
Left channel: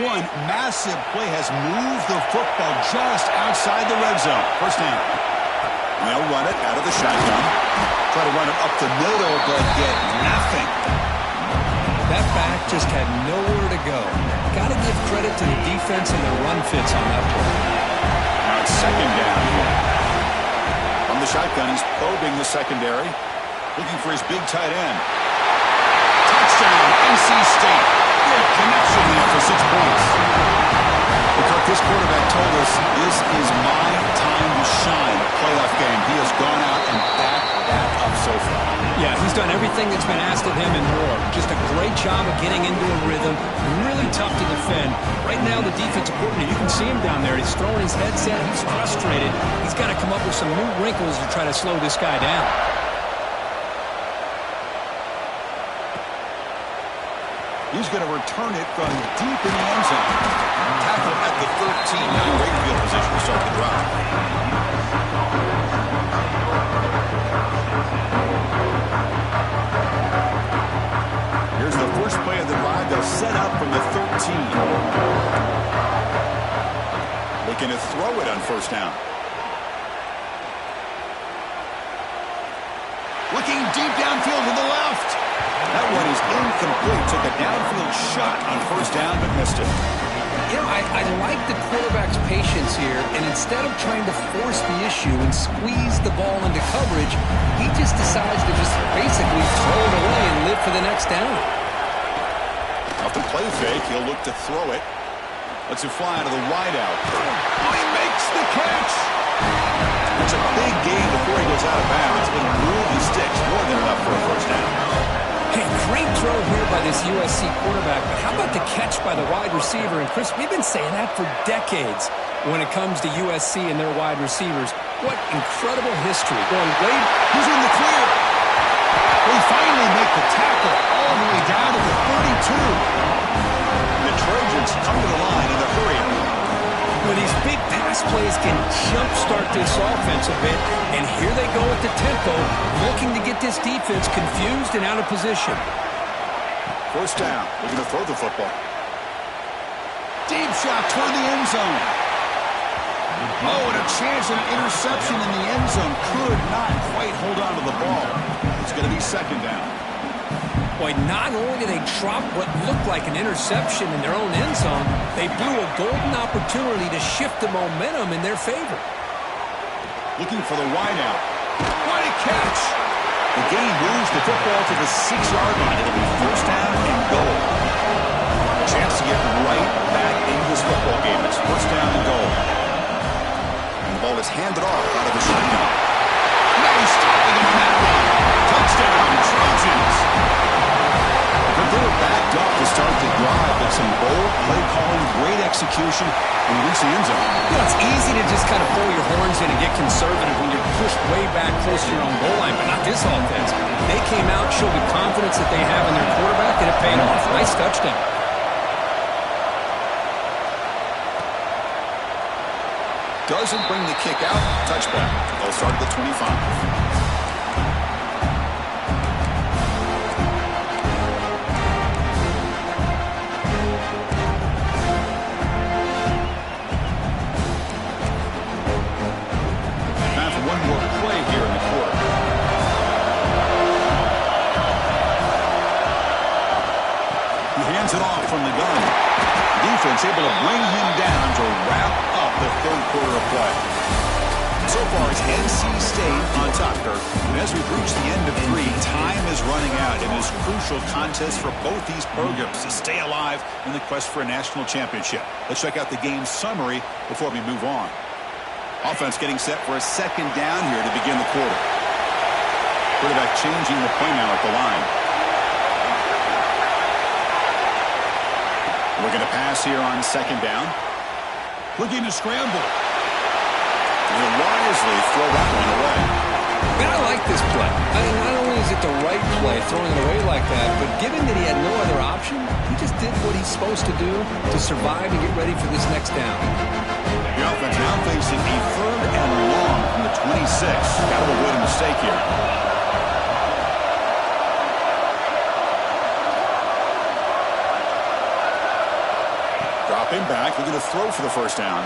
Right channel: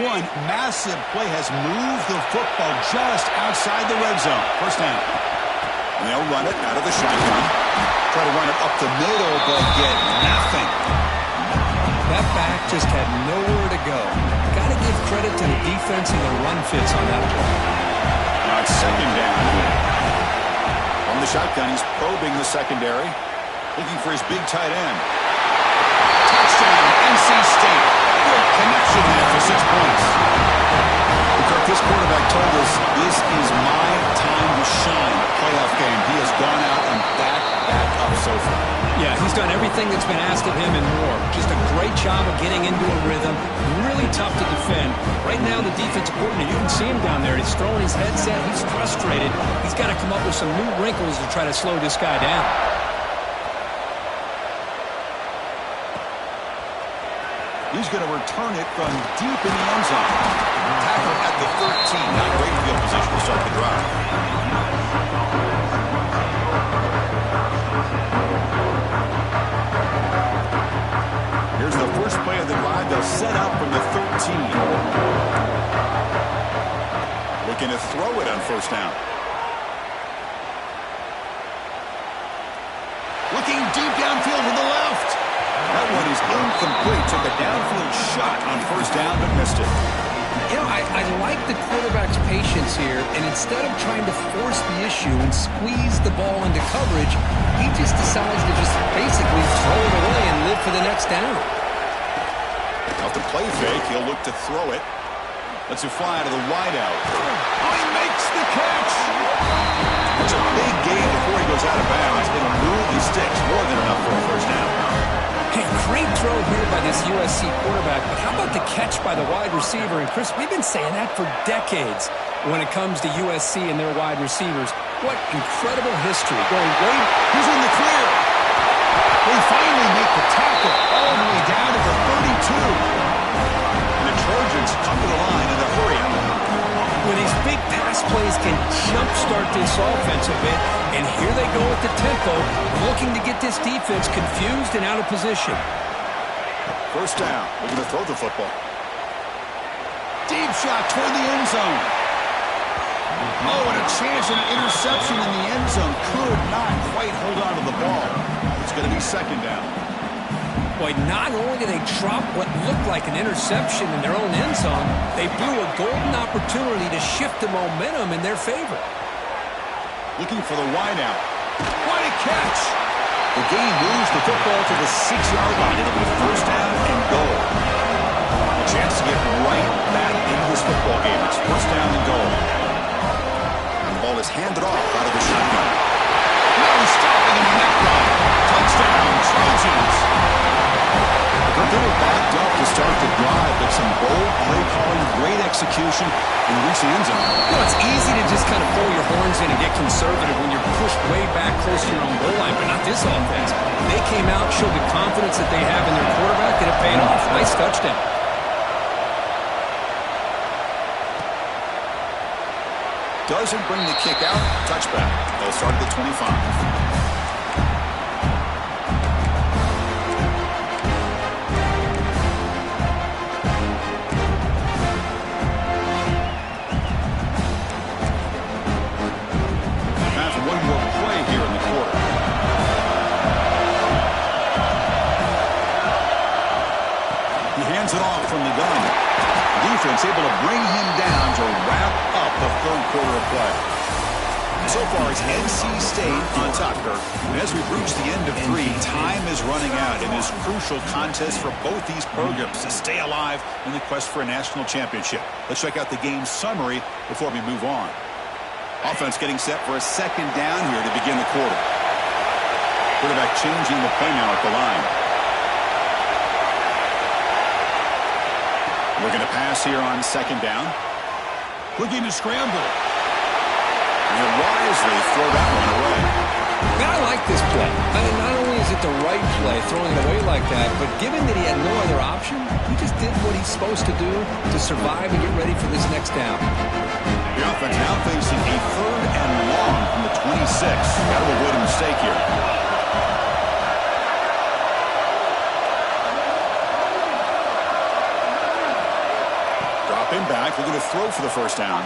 One massive play has moved the football just outside the red zone. First down. And they'll run it out of the shotgun. Try to run it up the middle, but get nothing. That back just had nowhere to go. Got to give credit to the defense and their run fits on that play. Now it's 2nd down here. From the shotgun, he's probing the secondary. Looking for his big tight end. Touchdown, NC State. Great connection there for 6 points. Kirk, this quarterback told us this is my time to shine, a playoff game. He has gone out and backed that up so far. Yeah, he's done everything that's been asked of him and more. Just a great job of getting into a rhythm. Really tough to defend. Right now, the defensive coordinator, you can see him down there. He's throwing his headset. He's frustrated. He's got to come up with some new wrinkles to try to slow this guy down. He's going to return it from deep in the end zone. Tackle at the 13. Not a great field position to start the drive. out from the 13. Looking to throw it on first down. Looking deep downfield to the left. That one is incomplete. Took a downfield shot on first down, but missed it. You know, I like the quarterback's patience here, and instead of trying to force the issue and squeeze the ball into coverage, he just decides to just basically throw it away and live for the next down. Off the play fake, he'll look to throw it. Lets it fly out of the wideout. Oh, he makes the catch! That's a big gain before he goes out of bounds. It'll move the sticks, more than enough for a first down. Hey, great throw here by this USC quarterback, but how about the catch by the wide receiver? And Chris, we've been saying that for decades when it comes to USC and their wide receivers. What incredible history. Going way... He's in the clear. They finally make the tackle all the way down to the 32. The Trojans come to the line in a hurry. When these big pass plays can jumpstart this offense a bit, and here they go at the tempo, looking to get this defense confused and out of position. First down, looking to throw the football. Deep shot toward the end zone. Oh, and a chance at an interception in the end zone. Could not quite hold on to the ball. It's going to be second down. Boy, not only did they drop what looked like an interception in their own end zone, they blew a golden opportunity to shift the momentum in their favor. Looking for the wideout. What a catch! The game moves the football to the 6-yard line. It'll be first down and goal. A chance to get right back into this football game. It's first down and goal. And the ball is handed off out of the shotgun. No stopping him on that run. Touchdown, Trojans. But they were backed up to start the drive, but some bold play calling, great execution, and reach the end zone. You know, it's easy to just kind of pull your horns in and get conservative when you're pushed way back close to your own goal line, but not this offense. They came out, showed the confidence that they have in their quarterback, and it paid off. Nice touchdown. Doesn't bring the kick out. Touchback. They'll start at the 25. One more play here in the quarter. He hands it off from the gun. Defense able to bring him down to wrap up the third quarter of play. So far, it's NC State on top, Kirk. And as we've reached the end of 3, time is running out in this crucial contest for both these programs to stay alive in the quest for a national championship. Let's check out the game summary before we move on. Offense getting set for a second down here to begin the quarter. Quarterback changing the play now at the line. Looking to pass here on second down. Looking to scramble. He'll wisely throw that one away. Man, I like this play. I mean, not only is it the right play, throwing it away like that, but given that he had no other option, he just did what he's supposed to do to survive and get ready for this next down. The offense now facing a third and long from the 26. Got to avoid a mistake here. Dropping back, looking to throw for the first down.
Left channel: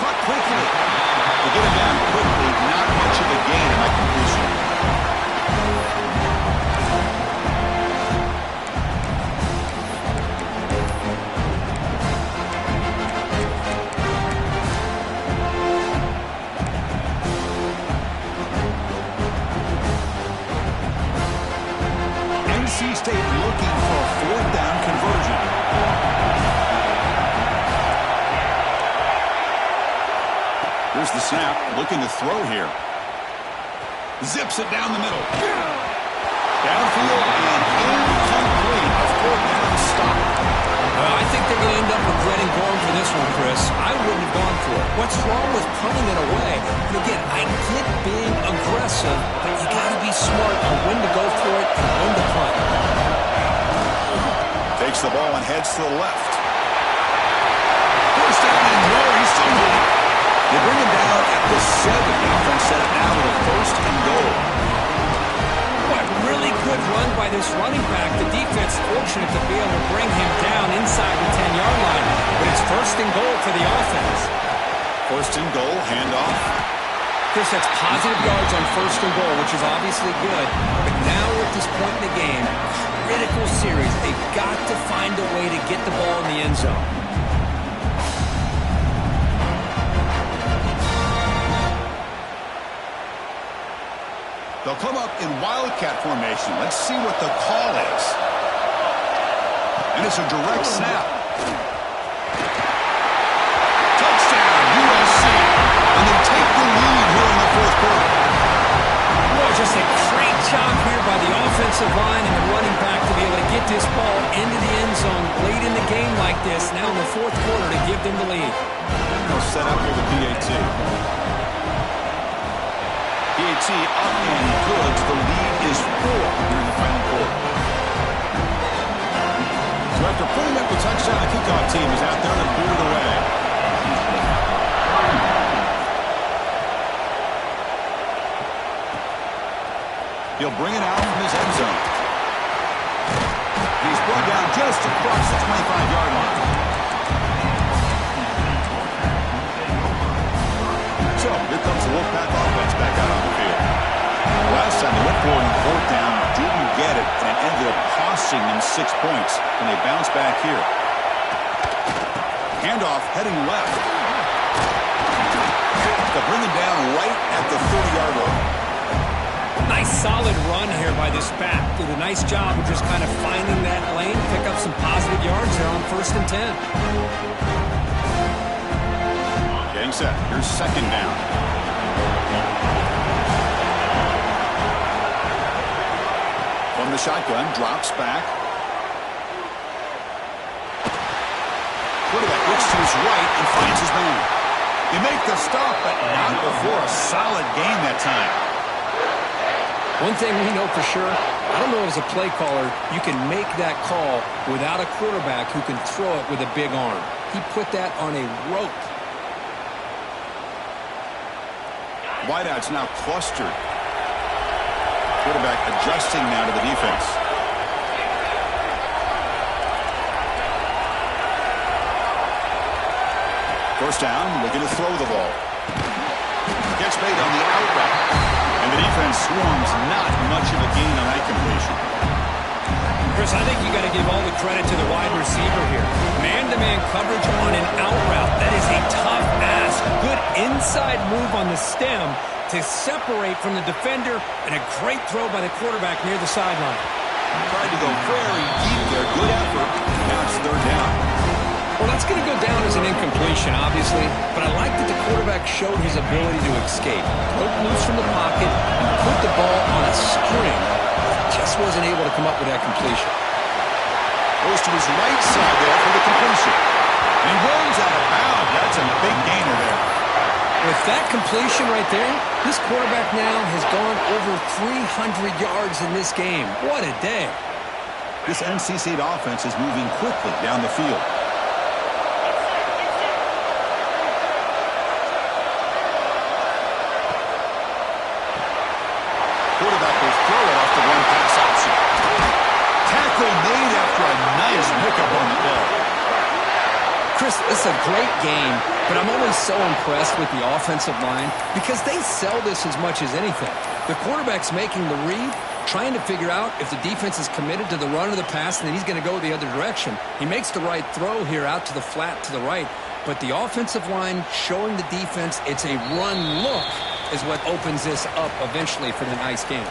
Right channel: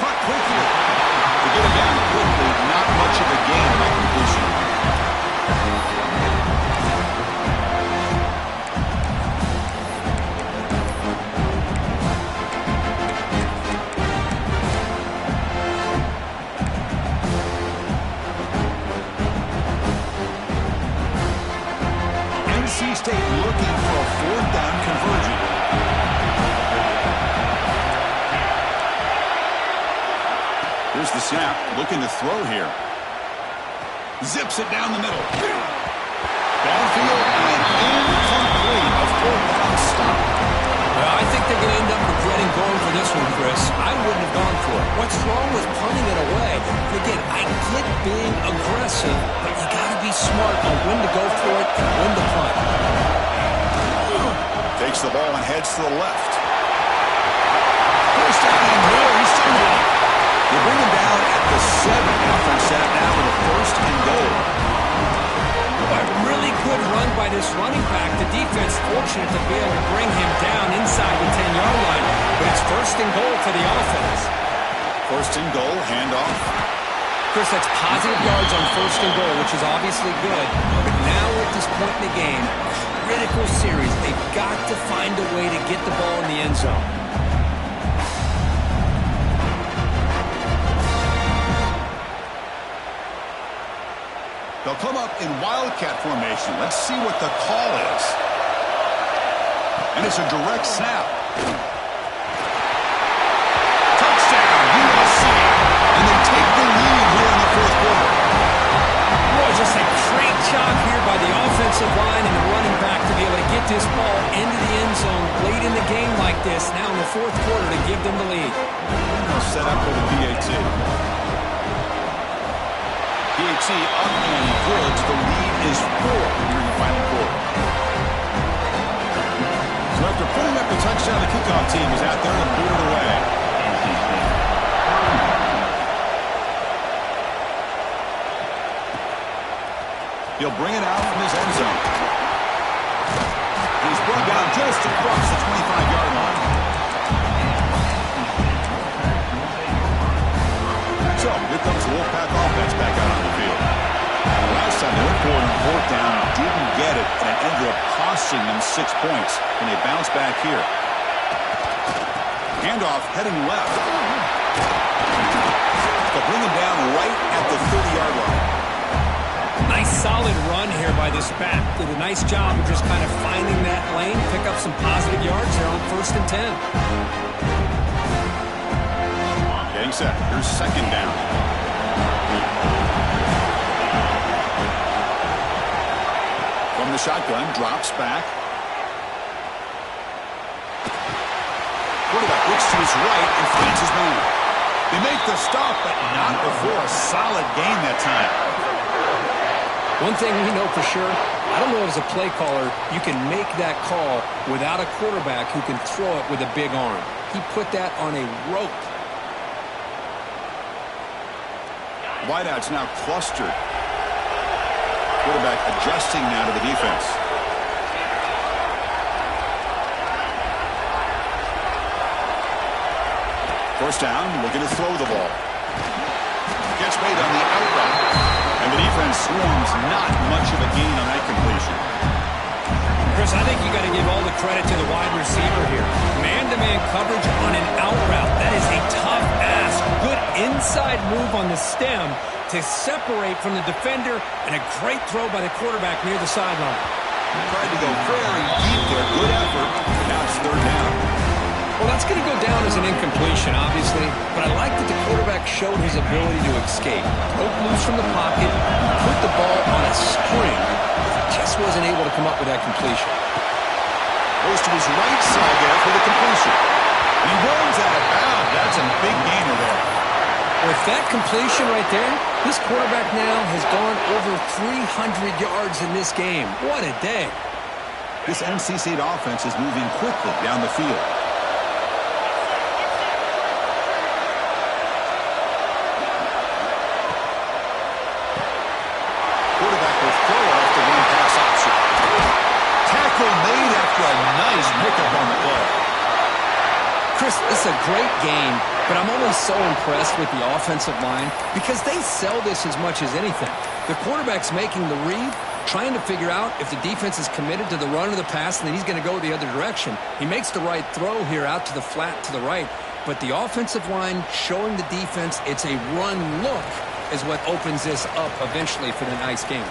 Caught quickly. To get him down quickly, not much of a gain on that completion. NC State looking for a fourth down conversion. Here's the snap, looking to throw here. Zips it down the middle. Downfield and incomplete. A fourth down stop. I think they're going to end up regretting going for this one, Chris. I wouldn't have gone for it. What's wrong with punting it away? And again, I get being aggressive, but you got to be smart on when to go for it and when to punt. Takes the ball and heads to the left. First down and more. He's still running. They bring him down at the 7. The offense set up now with a first and goal. Boy, really good run by this running back. The defense fortunate to be able to bring him down inside the 10-yard line. But it's first and goal for the offense. First and goal, handoff. Chris, that's positive yards on first and goal, which is obviously good. But now we're at this point in the game, critical series. They've got to find a way to get the ball in the end zone. They'll come up in wildcat formation. Let's see what the call is. And it's a direct snap. Touchdown, USC. And they take the lead here in the fourth quarter. Boy, just a great job here by the offensive line and the running back to be able to get this ball into the end zone late in the game like this, now in the fourth quarter, to give them the lead. They'll set up for the PAT. PAT up and good. The lead is 4 here in the final quarter. So after putting up the touchdown, the kickoff team is out there to boot it away. He'll bring it out from his end zone. He's brought down just across the 25-yard line. So here comes the Wolfpack offense back out on the field. Last time they went for it on fourth down, didn't get it, and it ended up costing them 6 points. And they bounce back here. Handoff heading left. They'll bring him down right at the 30-yard line. Nice solid run here by this back. Did a nice job of just kind of finding that lane, pick up some positive yards there on 1st and 10. Getting set. Here's second down. From the shotgun, drops back. Quarterback looks to his right and finds his man. They make the stop, but not before a solid gain that time. One thing we know for sure, I don't know as a play caller, you can make that call without a quarterback who can throw it with a big arm. He put that on a rope. Wideouts now clustered. Quarterback adjusting now to the defense. First down, looking to throw the ball. Gets made on the out route. And the defense swarms, not much of a gain on that completion. Chris, I think you got to give all the credit to the wide receiver here. Man-to-man coverage on an out route. That is a tough ask. Good inside move on the stem to separate from the defender, and a great throw by the quarterback near the sideline. Tried to go very deep there. Good effort. Now it's third down. Well, that's going to go down as an incompletion, obviously, but I like that the quarterback showed his ability to escape. Broke loose from the pocket and put the ball on a string. Just wasn't able to come up with that completion. Goes to his right side there for the completion. And he runs out of bounds. That's a big gainer there. With that completion right there, this quarterback now has gone over 300 yards in this game. What a day. This NC State offense is moving quickly down the field. Quarterback will throw it off the run pass option. Tackle made after a nice pickup on the play. Chris, this is a great game, but I'm always so impressed with the offensive line because they sell this as much as anything. The quarterback's making the read, trying to figure out if the defense is committed to the run or the pass, and then he's going to go the other direction. He makes the right throw here out to the flat to the right, but the offensive line showing the defense it's a run look is what opens this up eventually for the nice game.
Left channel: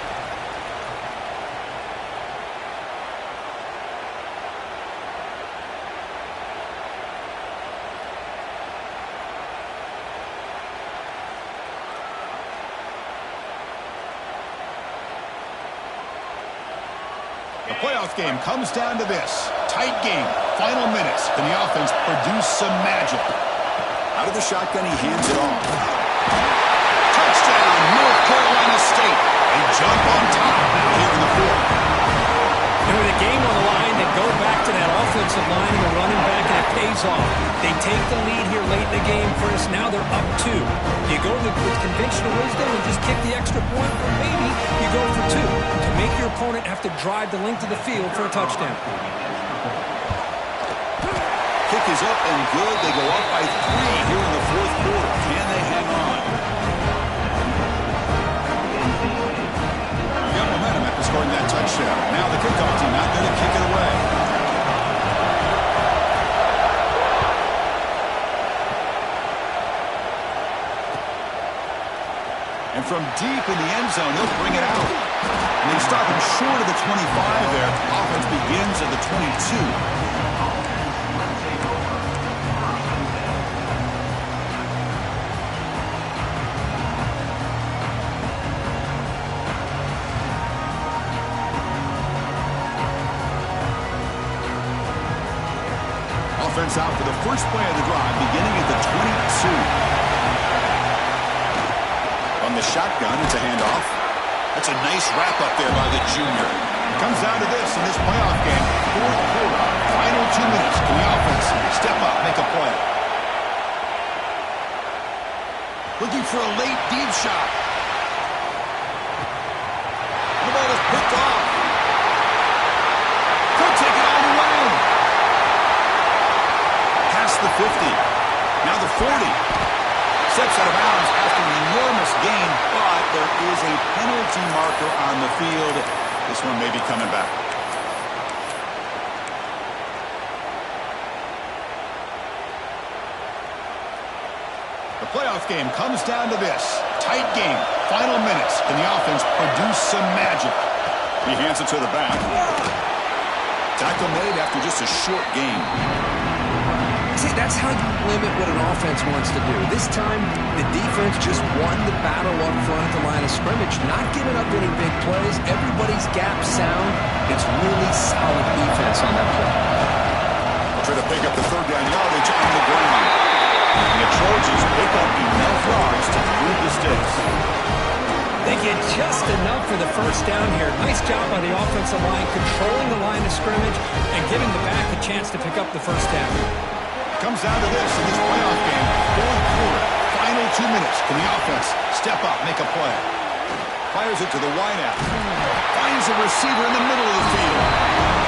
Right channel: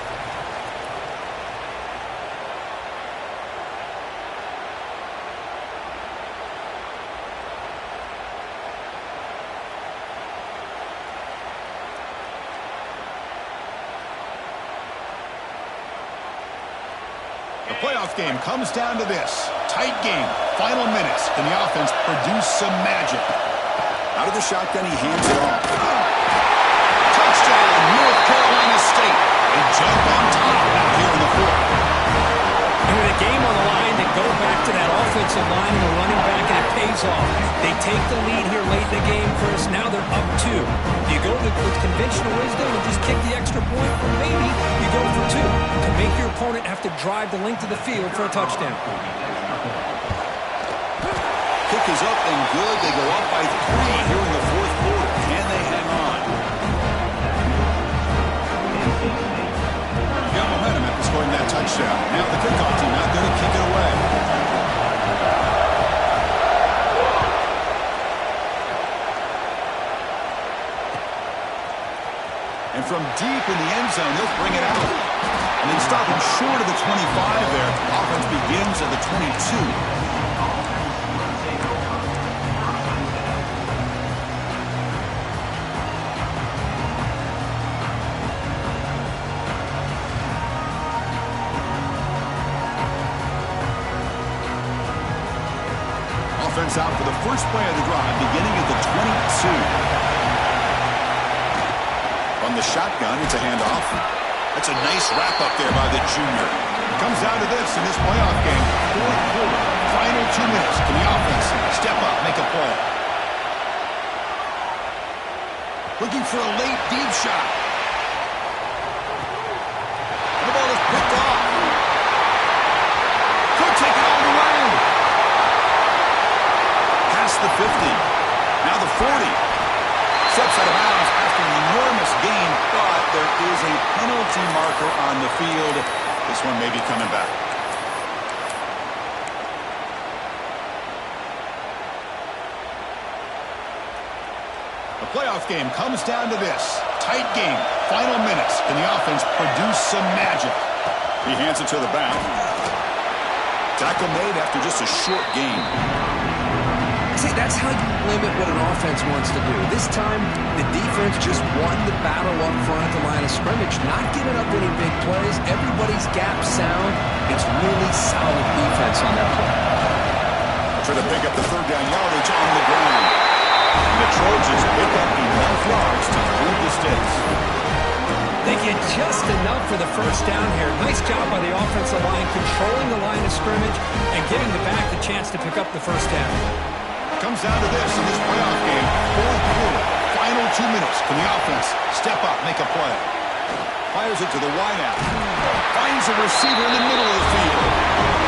The playoff game comes down to this. Tight game, final minutes, and the offense produced some magic. Out of the shotgun, he hands it off. Touchdown, North Carolina State. They jump on top now here in the fourth. And with a game on the line, the go back to that offensive line and the running back, and it pays off. They take the lead here late in the game, Chris. Now they're up 2. Do you go with conventional wisdom and just kick the extra point, or maybe you go for 2 to make your opponent have to drive the length of the field for a touchdown? Kick is up and good. They go up by 3 here in the fourth quarter. Can they hang on? Got momentum after scoring that touchdown. Now the kickoff team out there to kick it away. And from deep in the end zone, they'll bring it out. And they stop him short of the 25 there. Offense begins at the 22. Offense out for the first play of the drive, beginning at the 22. On the shotgun, it's a handoff. That's a nice wrap-up there by the junior. It comes down to this in this playoff game. Fourth quarter, final 2 minutes. Can the offense step up, make a play? Looking for a late deep shot. And the ball is picked off. Could take it all the way. Past the 50. Now the 40. Steps out of bounds after an enormous gain, but there is a penalty marker on the field. This one may be coming back. The playoff game comes down to this. Tight game. Final minutes. Can the offense produce some magic? He hands it to the back. Tackle made after just a short game. See, that's how you limit what an offense wants to do. This time, the defense just won the battle up front at the line of scrimmage, not giving up any big plays. Everybody's gap sound. It's really solid defense on that play. They'll try to pick up the third down yardage on the ground. And the Trojans pick up enough yards to move the sticks. They get just enough for the first down here. Nice job by the offensive line, controlling the line of scrimmage and giving the back a chance to pick up the first down. Comes down to this in this playoff game. Fourth quarter, final 2 minutes. Can the offense step up, make a play? Fires it to the wideout. Finds a receiver in the middle of the field.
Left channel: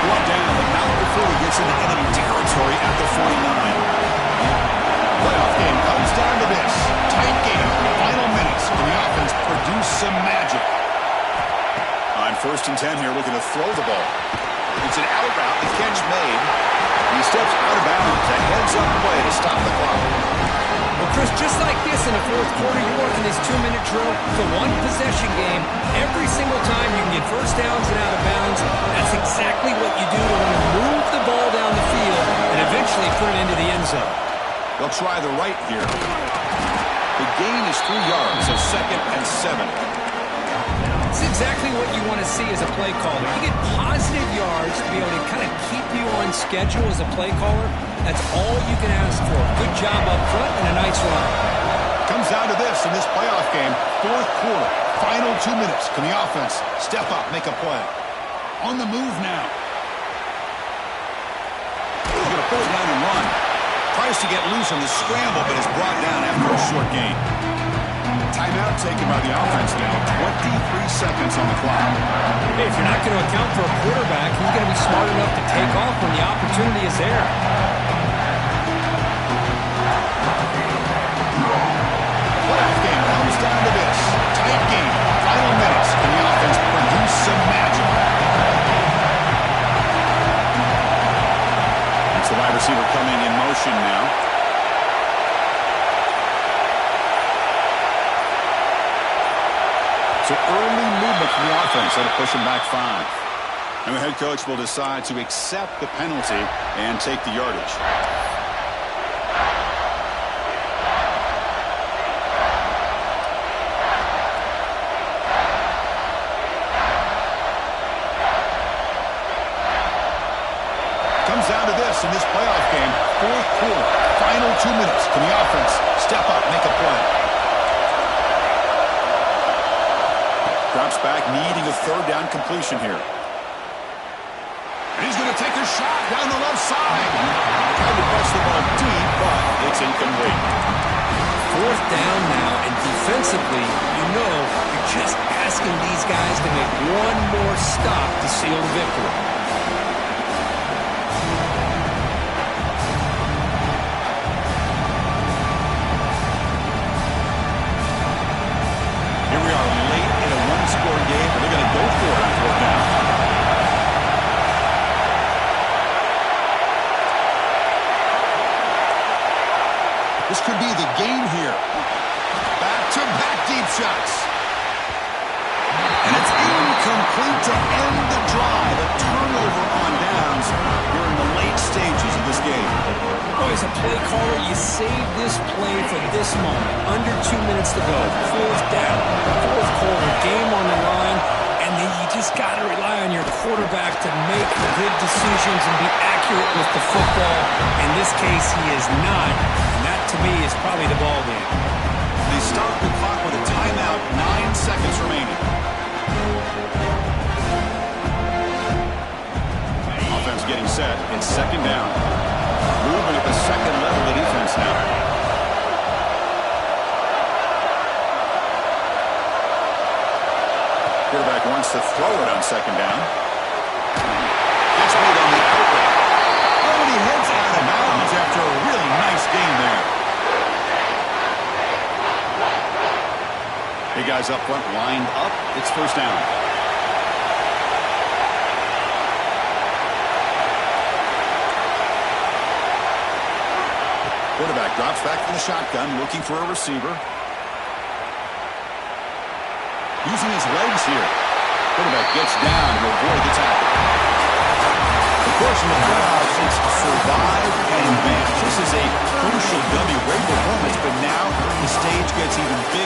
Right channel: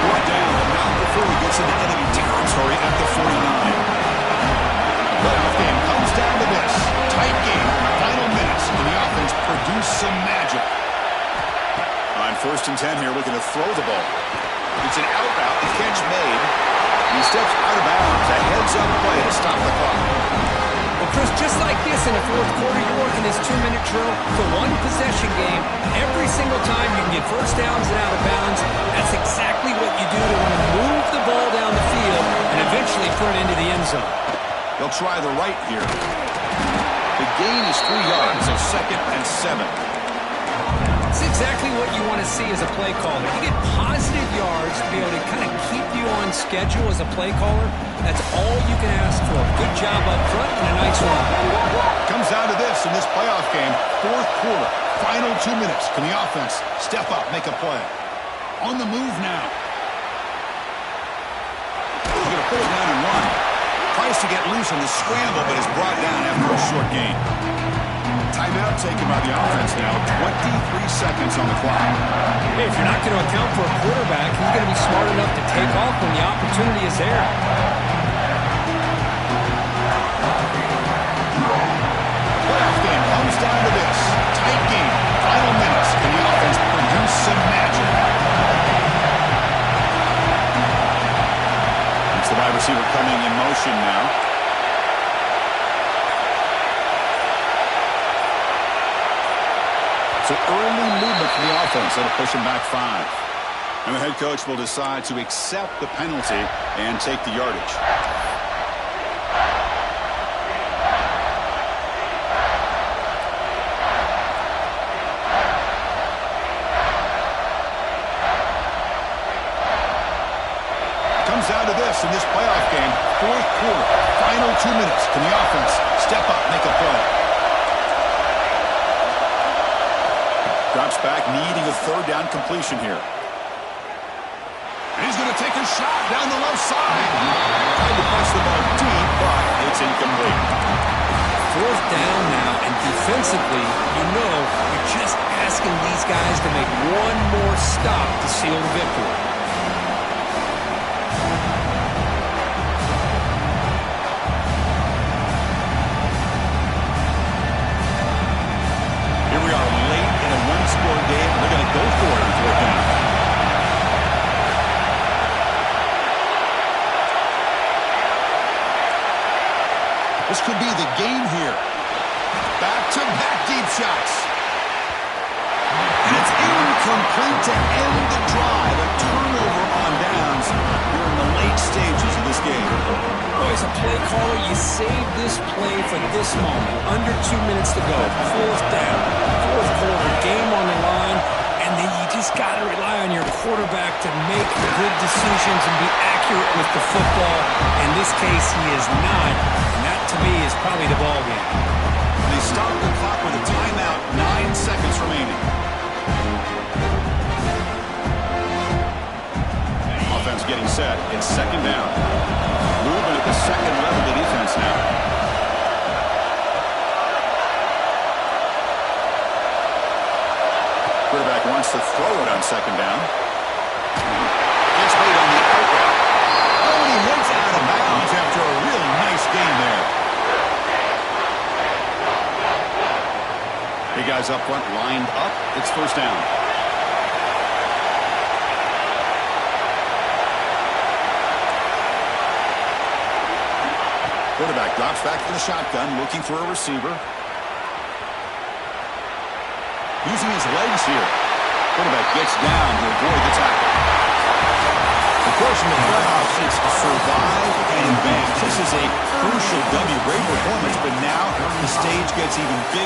Brought down, but not before he gets into enemy territory at the 49. The playoff game comes down to this. Tight game, final minutes. Can the offense produce some magic? On 1st and 10 here, looking to throw the ball. It's an out route, the catch made. He steps out of bounds. A heads-up play to stop the clock. Well, Chris, just like this in the fourth quarter, you're working this 2-minute drill. It's a one-possession game. Every single time you can get first downs and out of bounds. That's exactly what you do to want to move the ball down the field and eventually put it into the end zone. They'll try the right here. The gain is 3 yards, so 2nd and 7. It's exactly what you want to see as a play caller. You get positive yards to be able to kind of keep you on schedule as a play caller. That's all you can ask for. Good job up front and a nice run. Comes down to this in this playoff game. Fourth quarter, final 2 minutes. Can the offense step up, make a play? On the move now. He's going to pull it down and run. Tries to get loose on the scramble, but is brought down after a short gain. Timeout taken by the offense now. 23 seconds on the clock. Hey, if you're not going to account for a quarterback, he's going to be smart enough to take off when the opportunity is there. The playoff game comes down to this. Tight game. Final minutes. Can the offense produce some magic? That's the wide receiver coming in motion now. So early movement from the offense that'll push him back 5. And the head coach will decide to accept the penalty and take the yardage. Comes down to this in this playoff game. Fourth quarter, final 2 minutes. Can the offense step up, make a play? Drops back, needing a third down completion here. And he's going to take a shot down the left side. Tried to press the ball deep, but it's incomplete. Fourth down now, and defensively, you're just asking these guys to make one more stop to seal the victory. Here we are late in a one-score game, and they're going to go for it on fourth down. This could be the game here. Back-to-back deep shots. And it's incomplete to end the drive. A turnover on downs here in the late stages of this game. Boy, as a play caller, you save this play for this moment. Under 2 minutes to go. Fourth down. Fourth quarter. Game on the line. And then you just got to rely on your quarterback to make good decisions and be accurate with the football. In this case, he is not. And that, to me, is probably the ball game. They stop the clock with a timeout. 9 seconds remaining. Offense getting set. It's second down. Movement at the second level of defense now. Quarterback wants to throw it on second down. Gets made on the out route. Oh, and he heads out of bounds after a really nice game there. Big guys up front lined up. It's first down. Quarterback drops back from the shotgun, looking for a receiver. Using his legs here. Quarterback gets down to avoid the tackle. Of course, in the playoffs, it's survive and advance. This is a crucial W. Great performance, but now the stage gets even bigger.